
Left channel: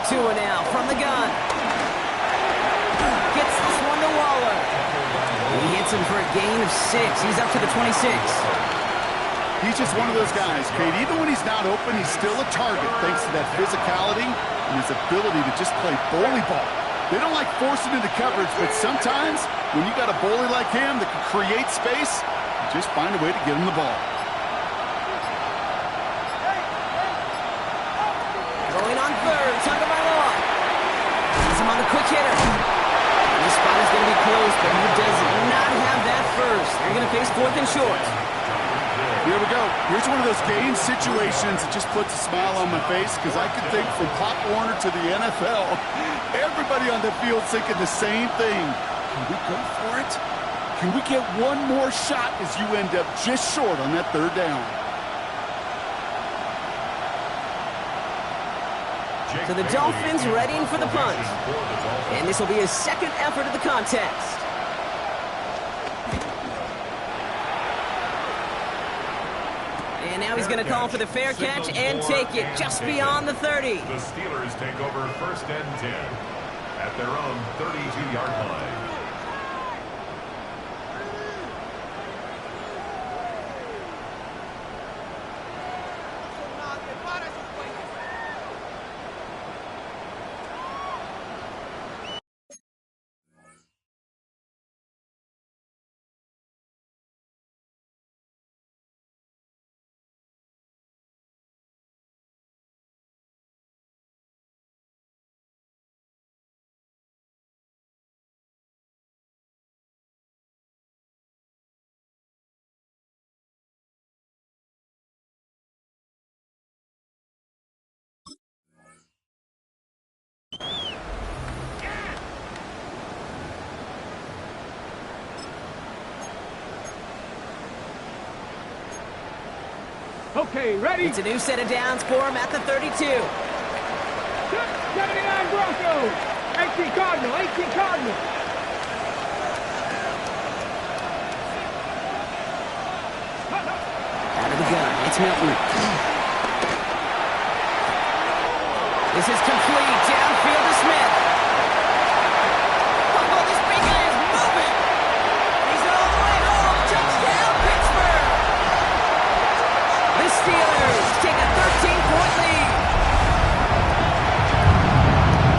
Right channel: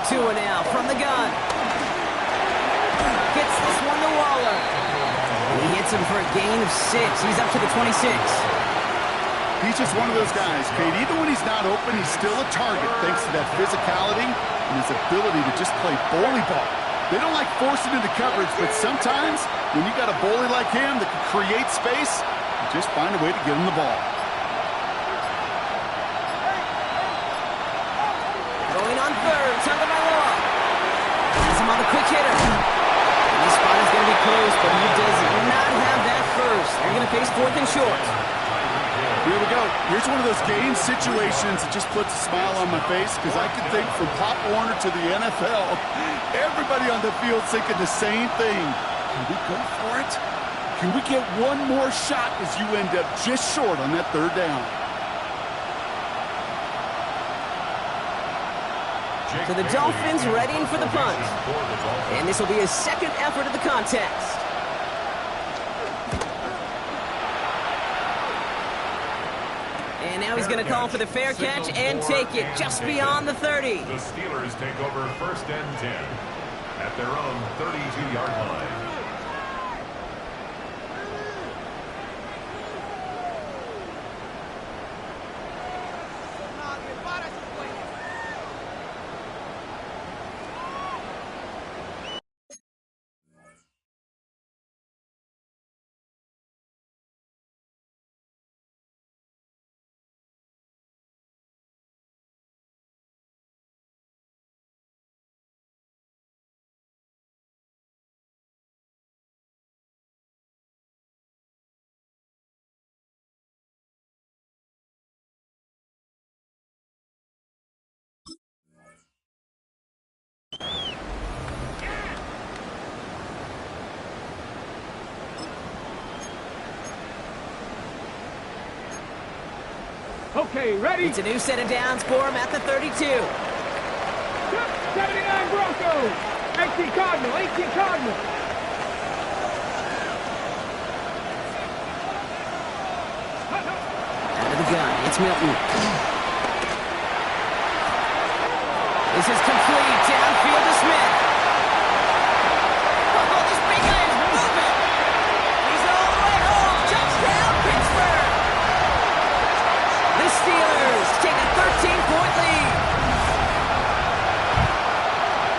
Tua now from the gun. Gets this one to Waller. He hits him for a gain of 6. He's up to the 26. He's just one of those guys, Kate. Even when he's not open, he's still a target thanks to that physicality and his ability to just play bully ball. They don't like forcing into coverage, but sometimes when you got a bully like him that can create space, you just find a way to get him the ball. Going on 3rd, Tagovailoa. Has him on the quick hitter. And this spot is going to be close, but he does not have that first. They're going to face 4th and short. Here we go. Here's one of those game situations that just puts a smile on my face because I can think from Pop Warner to the NFL, everybody on the field thinking the same thing. Can we go for it? Can we get one more shot as you end up just short on that 3rd down? So the Dolphins readying for the punt. And this will be his 2nd effort of the contest. And now he's going to call for the fair catch and take it just beyond the 30. The Steelers take over 1st and 10 at their own 32-yard line. Okay, ready? It's a new set of downs for him at the 32. 79 Broncos. 18 Cardinal. 18 Cardinal. Out of the gun, it's Milton. This is complete. Downfield to Smith. Oh, this big guy is moving. He's all the way home. Touchdown, Pittsburgh. The Steelers take a 13-point lead.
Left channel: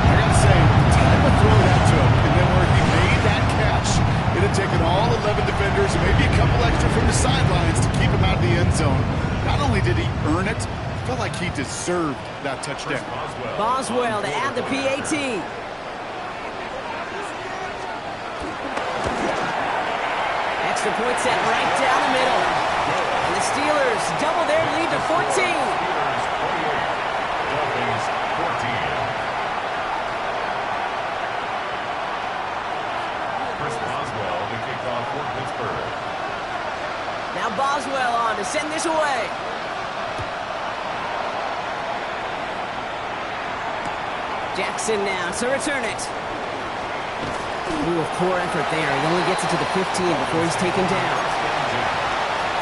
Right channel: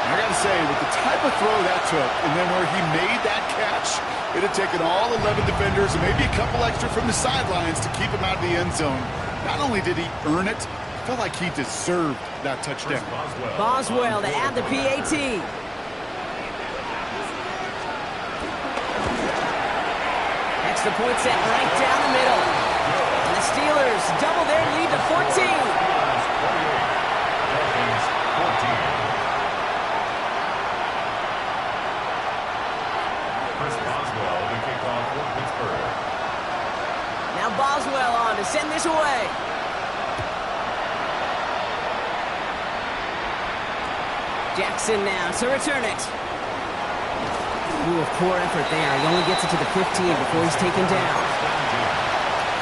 I got to say, with the type of throw that took, and then where he made that catch, it had taken all 11 defenders and maybe a couple extra from the sidelines to keep him out of the end zone. Not only did he earn it, I felt like he deserved that touchdown. Boswell to add the PAT. Extra point set right down the middle. And the Steelers double their lead to 14. Steelers 28, Dolphins 14. Chris Boswell to kick off for Pittsburgh. Now Boswell on to send this away. Jackson now to return it. Ooh, a poor effort there. He only gets it to the 15 before he's taken down.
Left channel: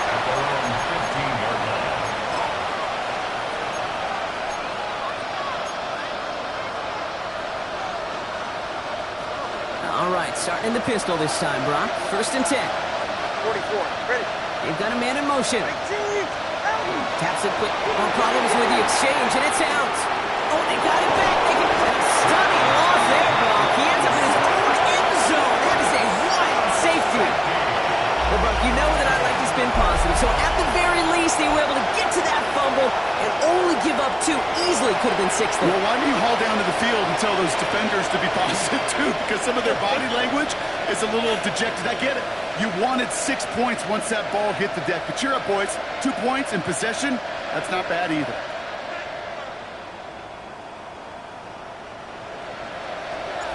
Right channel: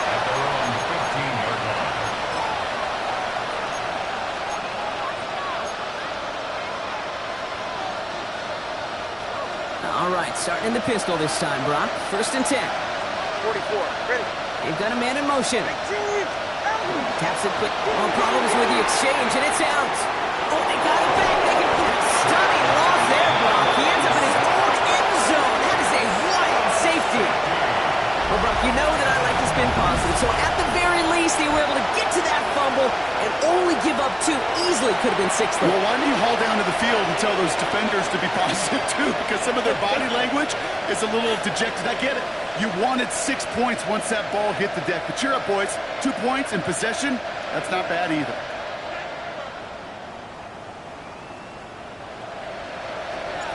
At their own 15-yard line. All right, starting in the pistol this time, Brock. 1st and 10. 44. Ready? They've got a man in motion. Taps it quick. Oh, problems with the exchange, and it's out. Oh, they got it back. They can... And a stunning loss there, Brock. He ends up in his own end zone. That is a wild safety. Well, Brock, you know that I like to spin positive. So at the very least, they were able to get to that fumble and only give up 2. Easily could have been 6 there. Well, why don't you haul down to the field and tell those defenders to be positive, too? Because some of their body language is a little dejected. I get it. You wanted 6 points once that ball hit the deck. But cheer up, boys. 2 points in possession, that's not bad either.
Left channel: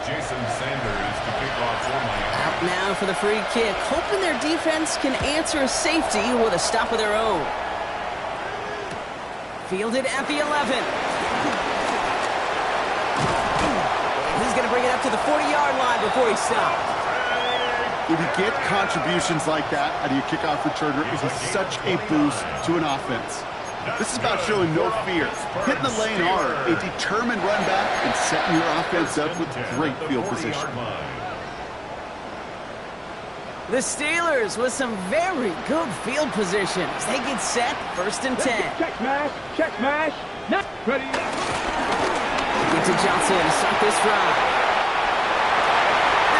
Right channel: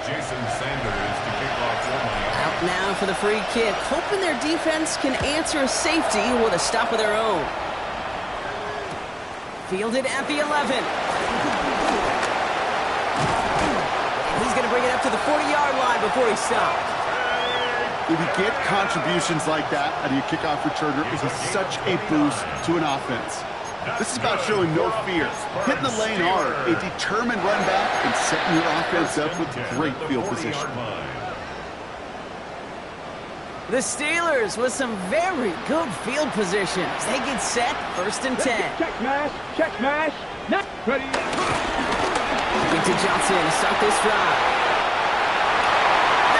Jason Sanders to kick off for Miami. Out now for the free kick, hoping their defense can answer a safety with a stop of their own. Fielded at the 11. He's going to bring it up to the 40-yard line before he stops. If you get contributions like that out of your kickoff returner, it is such a boost to an offense. This is about showing no fear, hitting the lane hard, a determined run back, and setting your offense up with great field position. The Steelers with some very good field position as they get set, 1st and 10. Check smash. Check smash. Not ready. Get to Johnson to start this drive.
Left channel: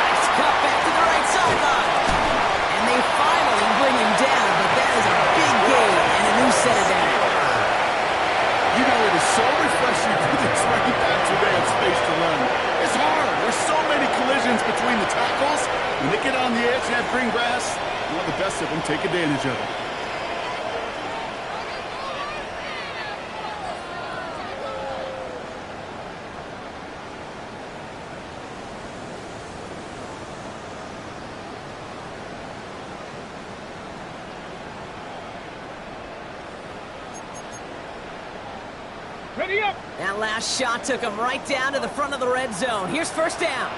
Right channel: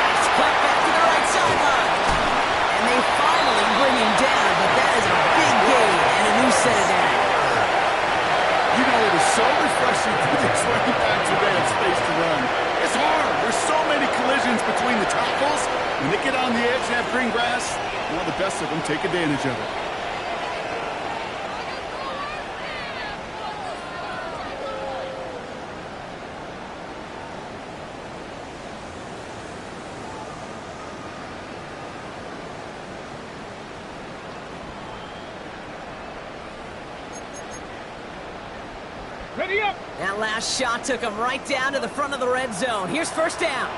Nice cut back to the right sideline. And they finally bring him down, but that is a big gain and a new set of downs. You know, it is so refreshing for these running backs when they have space to run. It's hard. There's so many collisions between the tackles. When they get on the edge and have green grass, well, the best of them take advantage of it. Ready up. That last shot took him right down to the front of the red zone. Here's 1st down.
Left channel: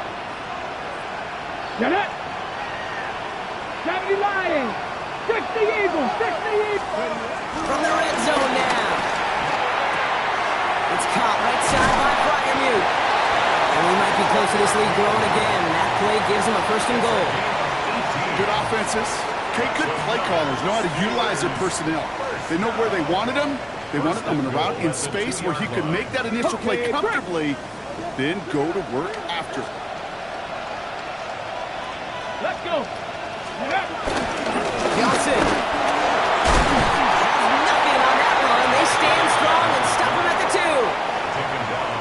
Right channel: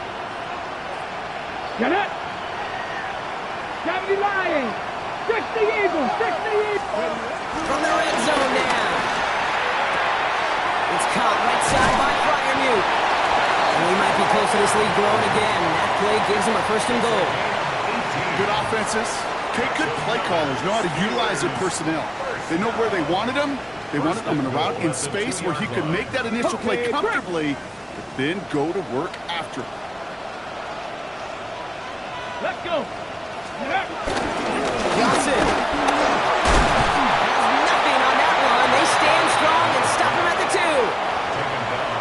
Get it. 70 Lions. 60 Eagles. 60 Eagles. From the red zone now. It's caught right side by Freiermuth. And we might be close to this lead growing again. And that play gives him a 1st and goal. Good offenses. Okay, good play callers know how to utilize their personnel. They know where they wanted them. They wanted them in a route in space where he could make that initial play comfortably, but then go to work after. Let's go. Yeah. Johnson has nothing on that run. They stand strong and stop him at the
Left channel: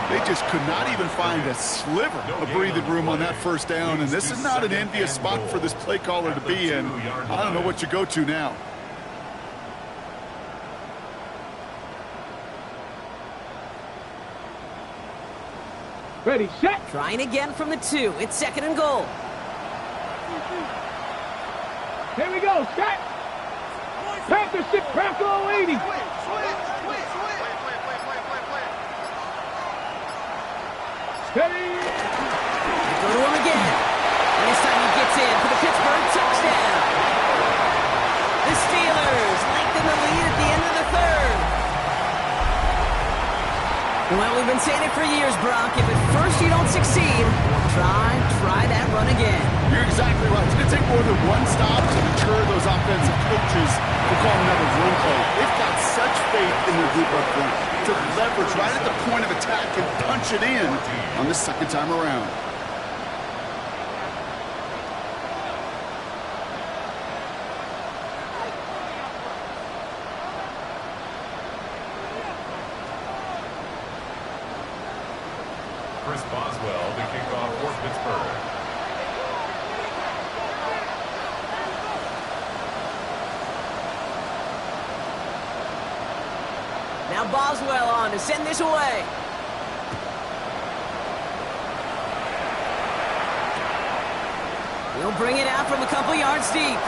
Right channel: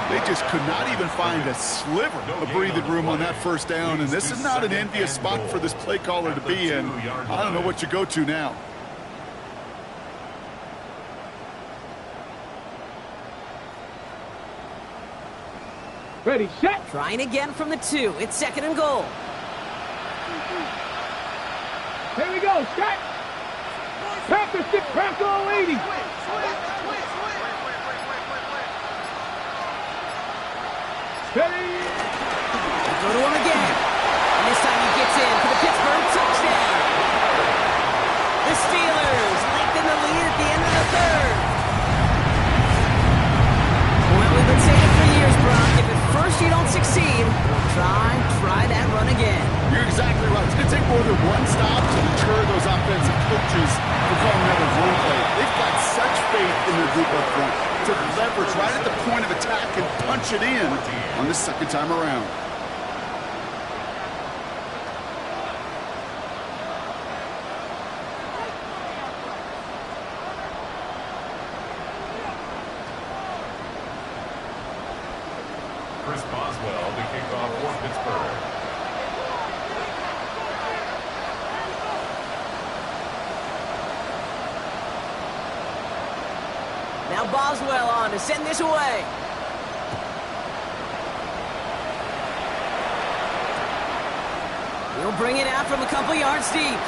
2. They just could not even find a sliver of breathing room on that 1st down, and this is not an envious spot for this play caller to be in. I don't know what you go to now. Ready, set. Trying again from the 2. It's 2nd and goal. Here we go. Set. Panther 6, Bronco 80. Steady. Go to him again. And this time he gets in for the Pittsburgh touchdown. The Steelers lengthen the lead at the end of the 3rd. Well, we've been saying it for years, Brock. If at first you don't succeed, try that run again. You're exactly right. It's going to take more than one stop to deter those offensive coaches from calling another run play. They've got such faith in their group up front to leverage right at the point of attack and punch it in on the 2nd time around. Chris Boswell to kick off for Pittsburgh. Now Boswell on to send this away. He'll bring it out from a couple yards deep.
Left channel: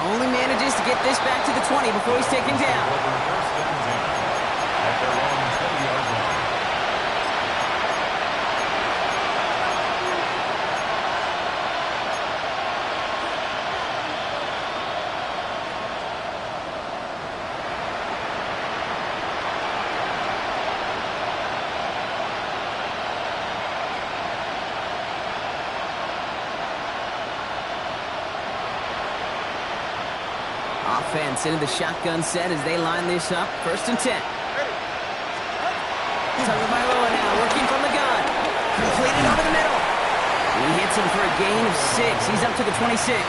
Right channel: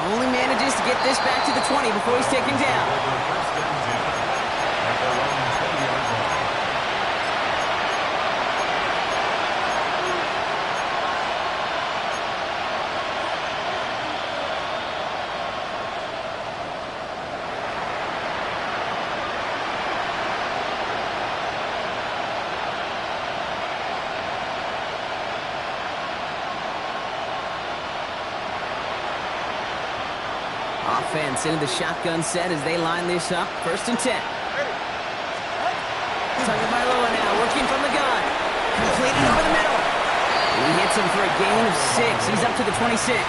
Only manages to get this back to the 20 before he's taken down. Over 1st and 10 at their own 10-yard line. Offense into the shotgun set as they line this up. 1st and 10. Tagovailoa now working from the gun. Completed over the middle. He hits him for a gain of 6. He's up to the 26.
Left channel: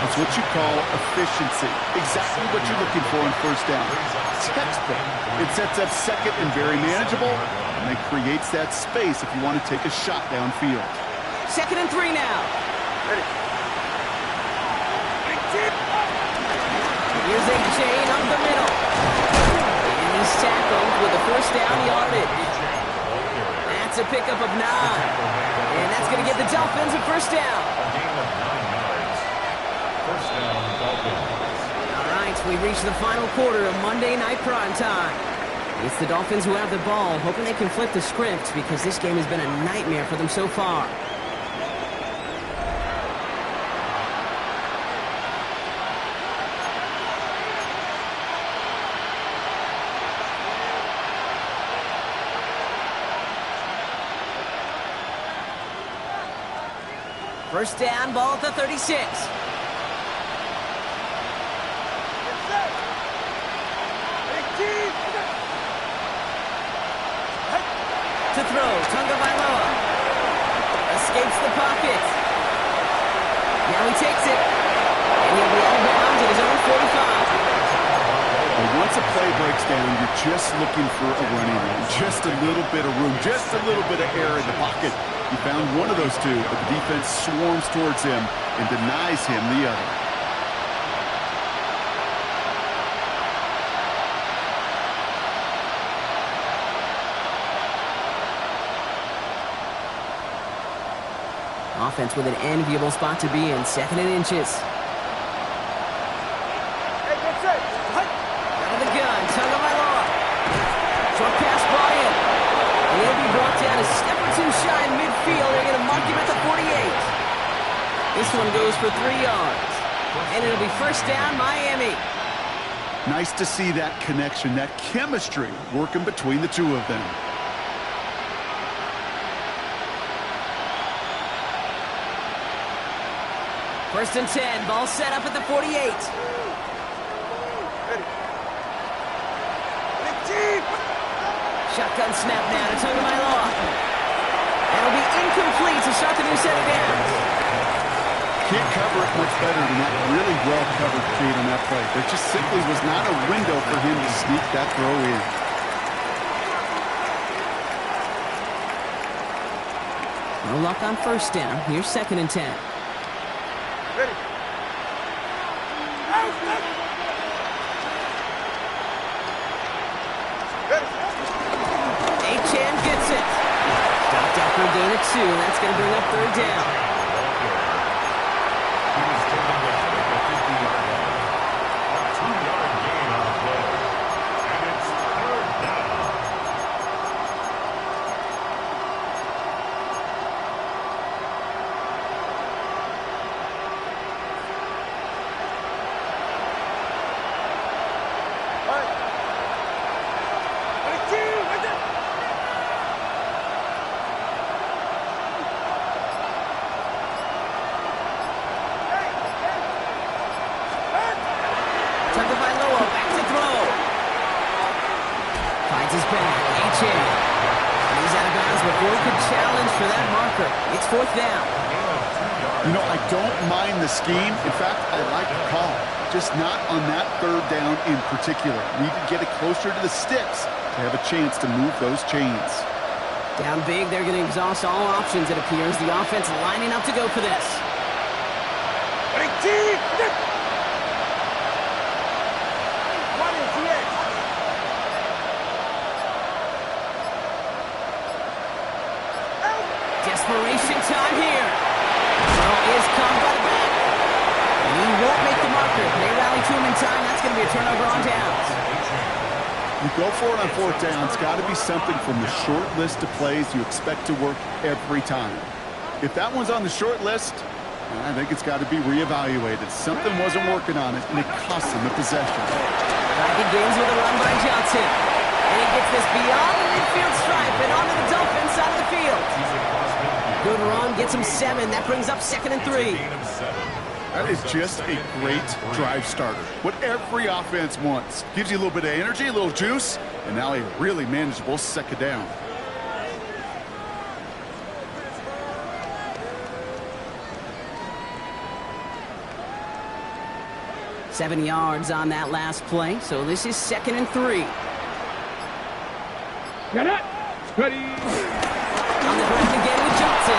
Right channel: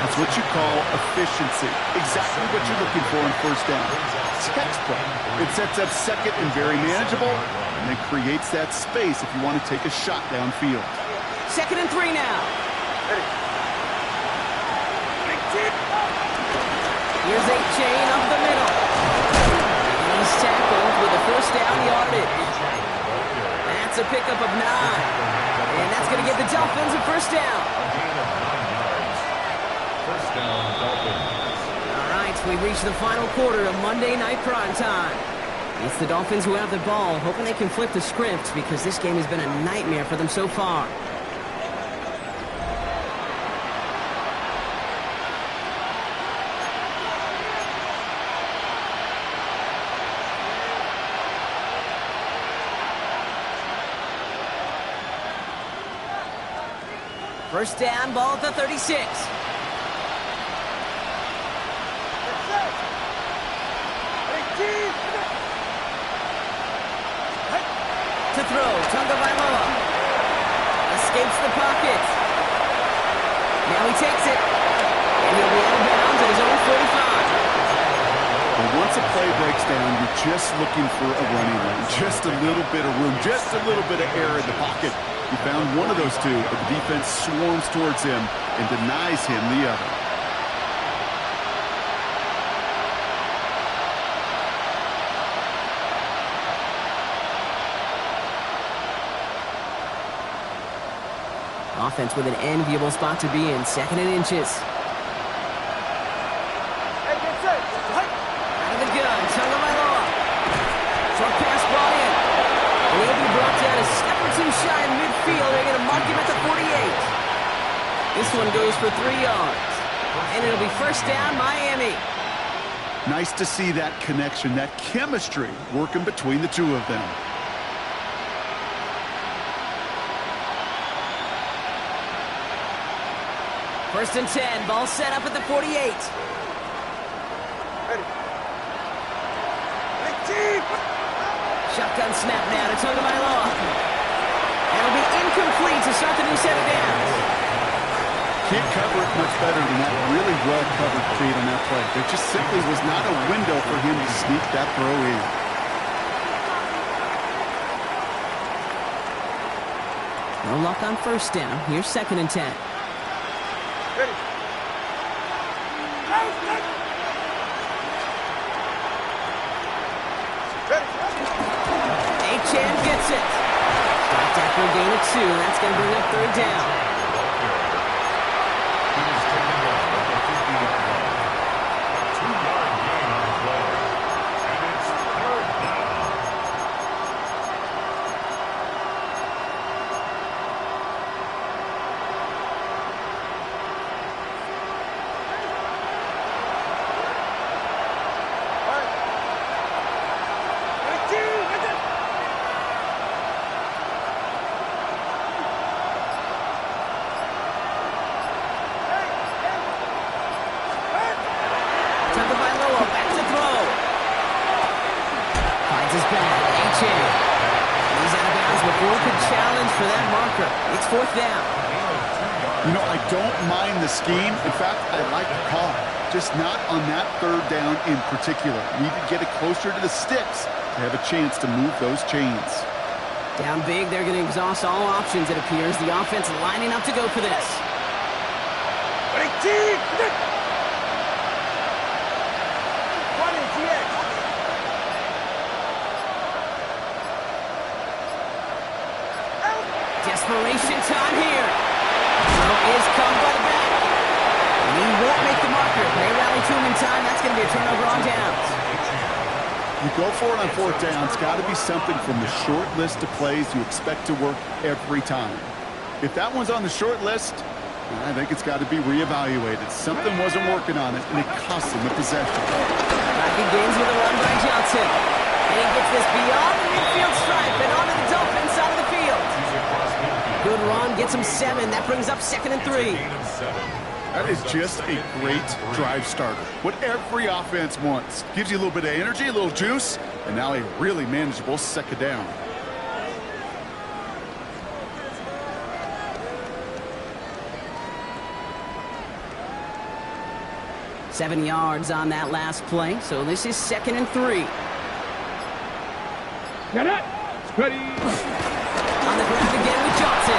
That's what you call efficiency. Exactly what you're looking for in first down. Textbook. It sets up second and very manageable, and then creates that space if you want to take a shot downfield. 2nd and 3 now. Here's a chain up the middle. And he's tackled with a first down yardage. That's a pickup of 9. And that's going to give the Dolphins a first down. A gain of 9 yards. First down, Dolphins. All right, we've reached the final quarter of Monday Night Primetime. It's the Dolphins who have the ball, hoping they can flip the script because this game has been a nightmare for them so far. First down, ball at the 36. To throw, Tagovailoa escapes the pocket. Now he takes it, and he'll be out of bounds at his own 45. But once a play breaks down, you're just looking for a running lane, just a little bit of room, just a little bit of air in the pocket. He found one of those two, but the defense swarms towards him and denies him the other. Offense with an enviable spot to be in, 2nd and inches. Out of the gun, Tagovailoa. Short pass brought in. And he'll be brought down a step or 2 shy in midfield. They're going to mark him at the 48. This one goes for 3 yards. And it'll be first down, Miami. Nice to see that connection, that chemistry working between the two of them. First and 10, ball set up at the 48. Shotgun snap now to Tagovailoa. And it'll be incomplete to start the new set of downs. Can't cover it much better than that really well-covered feed on that play. There just simply was not a window for him to sneak that throw in. No luck on first down. Here's 2nd and 10. Achane gets it. Stopped after a gain of 2, and that's going to bring up 3rd down. He was taken down at the 50-yard line. A 2-yard gain on the play. And it's 3rd down. Tagovailoa back to throw. Finds his back. Achane. He's out of bounds before he could challenge for that marker. It's 4th down. You know, I don't mind the scheme. In fact, I like the call. Just not on that 3rd down in particular. Need to get it closer to the sticks to have a chance to move those chains. Down big, they're going to exhaust all options, it appears. The offense lining up to go for this. Desperation time here. Throw is caught by the back. And he won't make the marker. They rally to him in time. That's going to be a turnover on downs. You go for it on 4th down. It's got to be something from the short list of plays you expect to work every time. If that one's on the short list, I think it's got to be reevaluated. Something wasn't working on it, and it cost him the possession. Back begins with a run by Johnson. And he gets this beyond the midfield stripe and onto the Dolphins side of the field. Good run, gets him 7. That brings up 2nd and 3. That is just a great drive starter. What every offense wants. Gives you a little bit of energy, a little juice, and now a really manageable second down. Seven yards on that last play, so this is 2nd and 3. Get it. Ready. On the ground again with Johnson.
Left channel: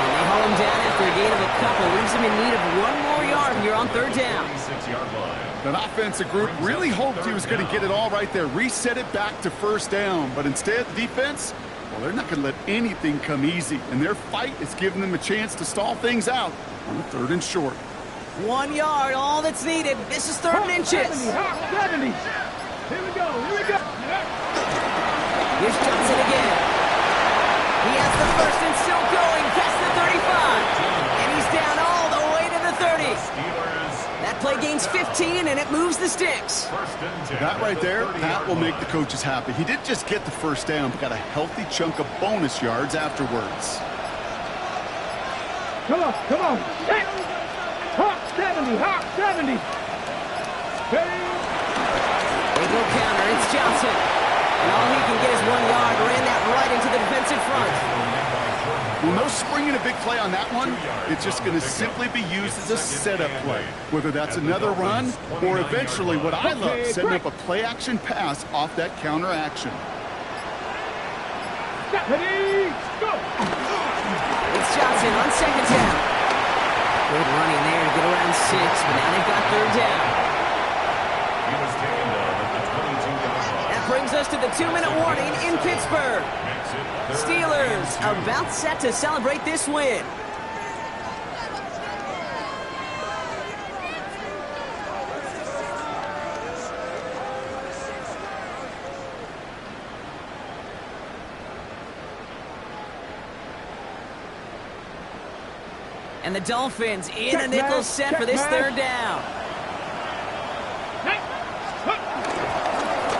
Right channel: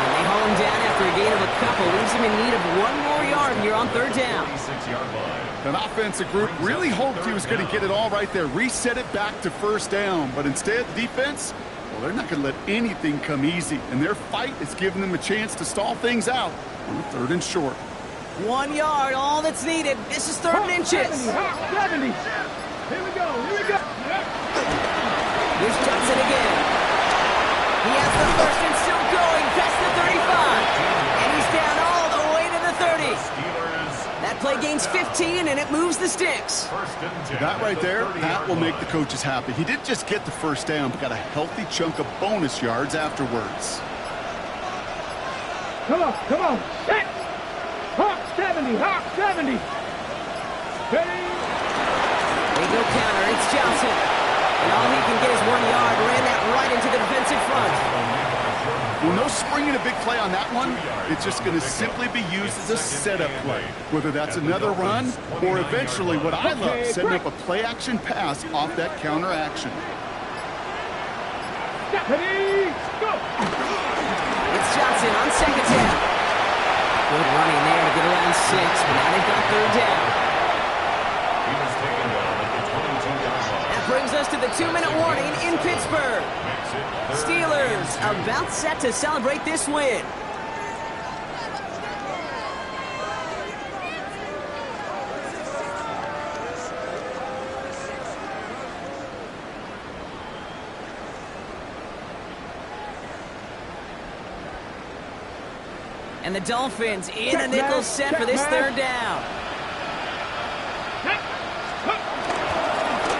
And they haul him down after a gain of a couple. Leaves him in need of 1 more yard here on 3rd down. 36-yard line. That offensive group really hoped he was going to get it all right there, reset it back to 1st down. But instead, the defense, well, they're not going to let anything come easy. And their fight is giving them a chance to stall things out on the 3rd and short. 1 yard, all that's needed. This is 3rd and inches. 70. Here we go. Here we go. Here's Johnson again. He has the first and still going past the 35. And he's down all the way to the 30. Steelers. That play gains 15, and it moves the sticks. 1st and 10. That right there, that will make the coaches happy. He didn't just get the 1st down, but got a healthy chunk of bonus yards afterwards. Come on. Come on. Set. Hawk 70. Hawk 70. Ready. They go counter. It's Johnson. And all he can get is 1 yard. Ran that right into the defensive front. Well, no springing a big play on that one. It's just going to simply be used as a setup play. Whether that's another run or eventually what I love, setting up a play-action pass off that counter action. Ready. Go. It's Johnson on 2nd down. Good running there to get around 6, but now they've got 3rd down. He was taken down at the 22-yard line. That brings us to the 2-minute warning in Pittsburgh. Makes it 3rd Steelers and 2. about set to celebrate this win. And the Dolphins in a nickel set for this 3rd down.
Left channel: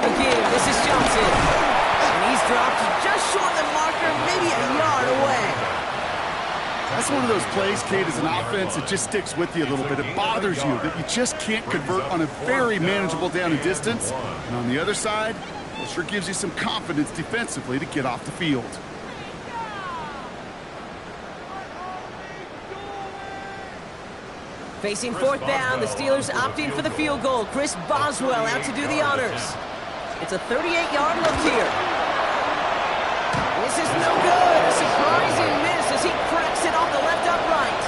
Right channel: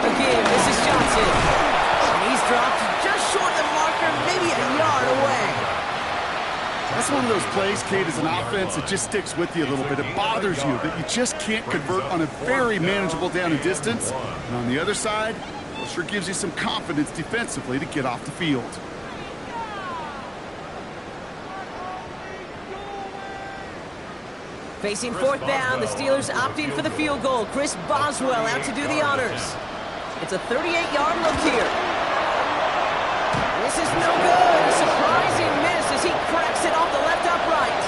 Again, this is Johnson. And he's dropped just short of the marker, maybe a yard away. That's one of those plays, Kate, as an offense that just sticks with you a little bit. It bothers you that you just can't convert on a very manageable down and distance. And on the other side, well, sure gives you some confidence defensively to get off the field. Facing 4th down, the Steelers opting for the field goal. Chris Boswell out to do the honors. It's a 38-yard look here. This is no good. A surprising miss as he cracks it off the left upright.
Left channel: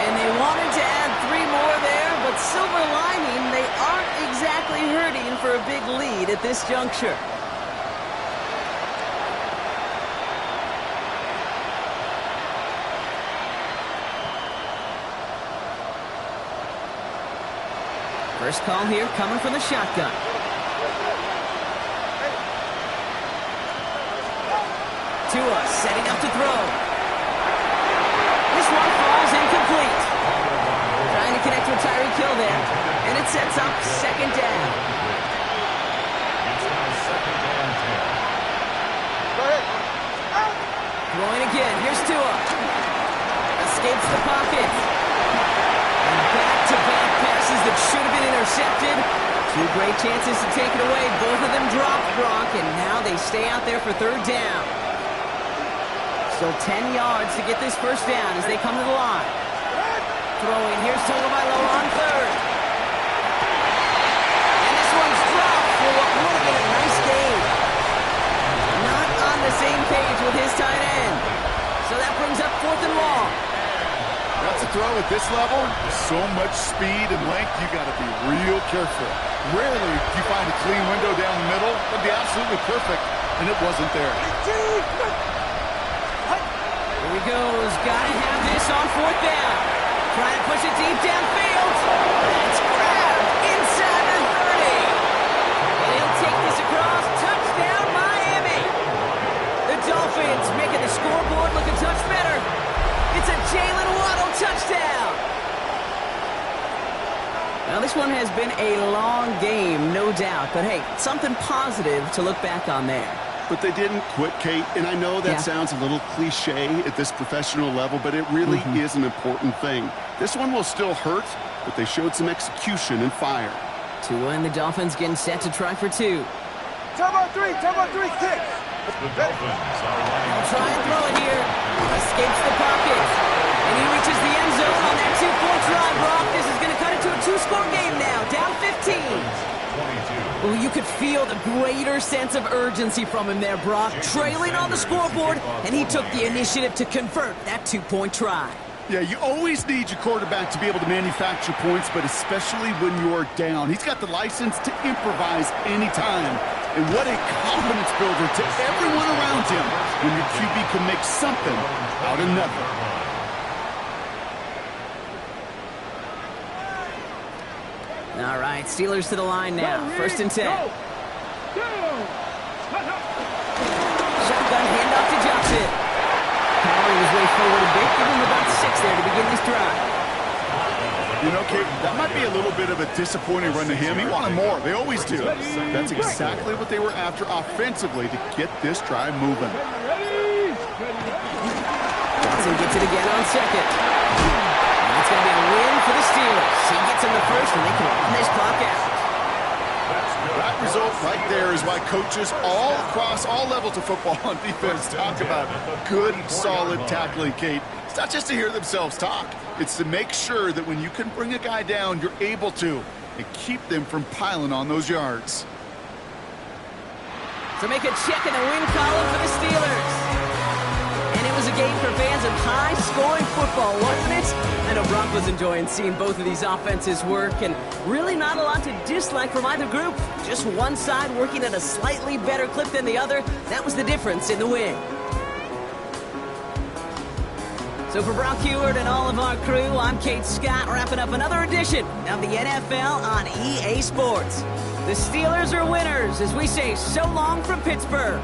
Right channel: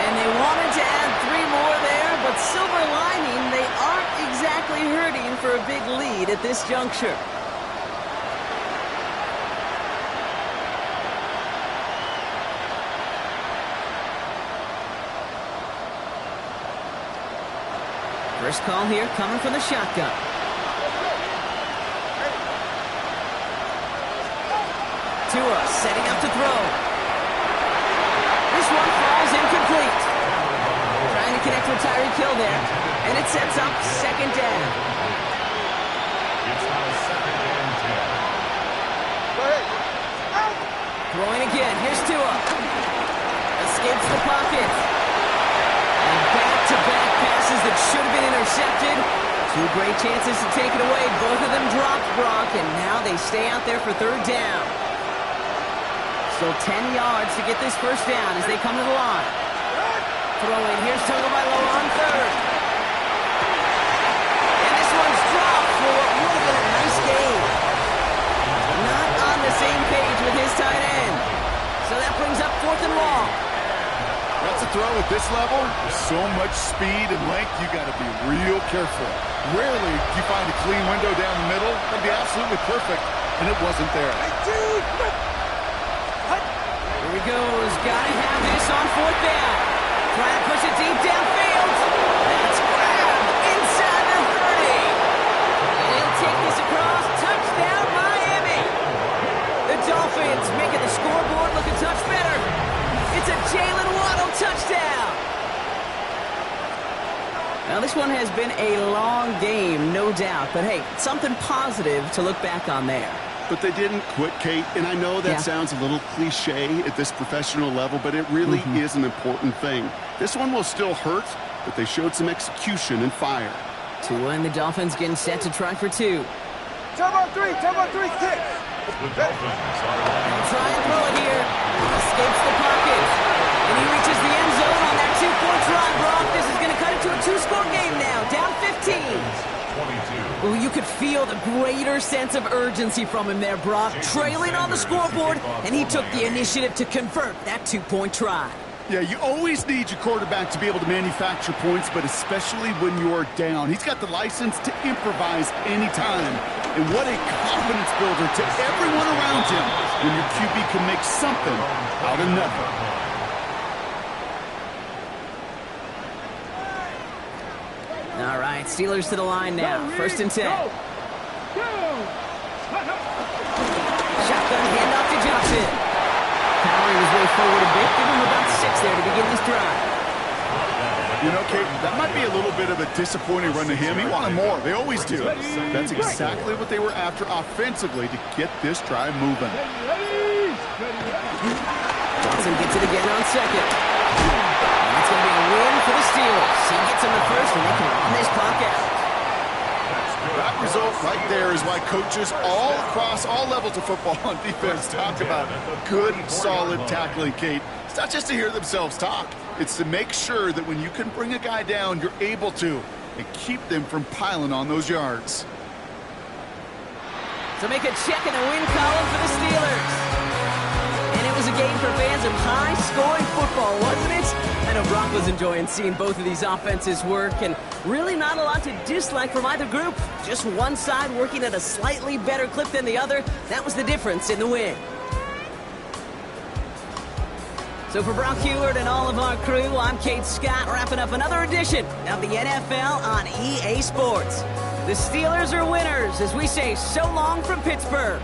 And they wanted to add 3 more there, but silver lining, they aren't exactly hurting for a big lead at this juncture. First call here coming from the shotgun. Tua setting up to throw. This one falls incomplete. Trying to connect with Tyreek Hill there. And it sets up 2nd down. It's now 2nd and 10. Go ahead. Throwing again. Here's Tua. Escapes the pocket. And back-to-back passes that should have been intercepted. 2 great chances to take it away. Both of them dropped, Brock, and now they stay out there for 3rd down. Still 10 yards to get this 1st down as they come to the line. Throwing. Here's Tagovailoa on 3rd. And this one's dropped for what would have been a nice gain. Not on the same page with his tight end. So that brings up 4th and long. That's a throw at this level. With so much speed and length, you got to be real careful. Rarely do you find a clean window down the middle. That'd be absolutely perfect, and it wasn't there. Here he goes. Got to have this on 4th down. Trying to push it deep downfield. That's grabbed inside the 30. And he'll take this across. Touchdown, Miami. The Dolphins making the scoreboard look a touch better. It's a Jalen Waddle touchdown. Now, this one has been a long game, no doubt. But, hey, something positive to look back on there. But they didn't quit, Kate, and I know that sounds a little cliche at this professional level, but it really is an important thing. This one will still hurt, but they showed some execution and fire. Tua and the Dolphins getting set to try for 2. turbo three kicks. The Dolphins are lining He'll up. try and throw it here. Escapes the pocket. And he reaches the end zone on that 2-point try, Brock. This is going to cut it to a 2-score game now. Down 15. 22. Well, you could feel the greater sense of urgency from him there, Brock. Trailing on the scoreboard, and he took the initiative to convert that 2-point try. Yeah, you always need your quarterback to be able to manufacture points, but especially when you're down. He's got the license to improvise anytime. And what a confidence builder to everyone around him when your QB can make something out of nothing. All right, Steelers to the line now. First and 10. Shotgun handoff to Johnson. Powering his way forward a bit. Give him about 6 there to begin this drive. You know, Kate, that might be a little bit of a disappointing run to him. He wanted more. They always do. That's exactly what they were after offensively to get this drive moving. Johnson gets it again on second. And it's going to be a win for the Steelers. He gets him the first, and they can run this clock out. That result right there is why coaches all across all levels of football and defense talk about good, solid tackling, Kate. It's not just to hear themselves talk. It's to make sure that when you can bring a guy down, you're able to, and keep them from piling on those yards. So make a check in the win column for the Steelers. And it was a game for fans of high-scoring football, wasn't it? I know Brock was enjoying seeing both of these offenses work, and really not a lot to dislike from either group. Just one side working at a slightly better clip than the other. That was the difference in the win. So for Brock Huard and all of our crew, I'm Kate Scott, wrapping up another edition of the NFL on EA Sports. The Steelers are winners as we say so long from Pittsburgh.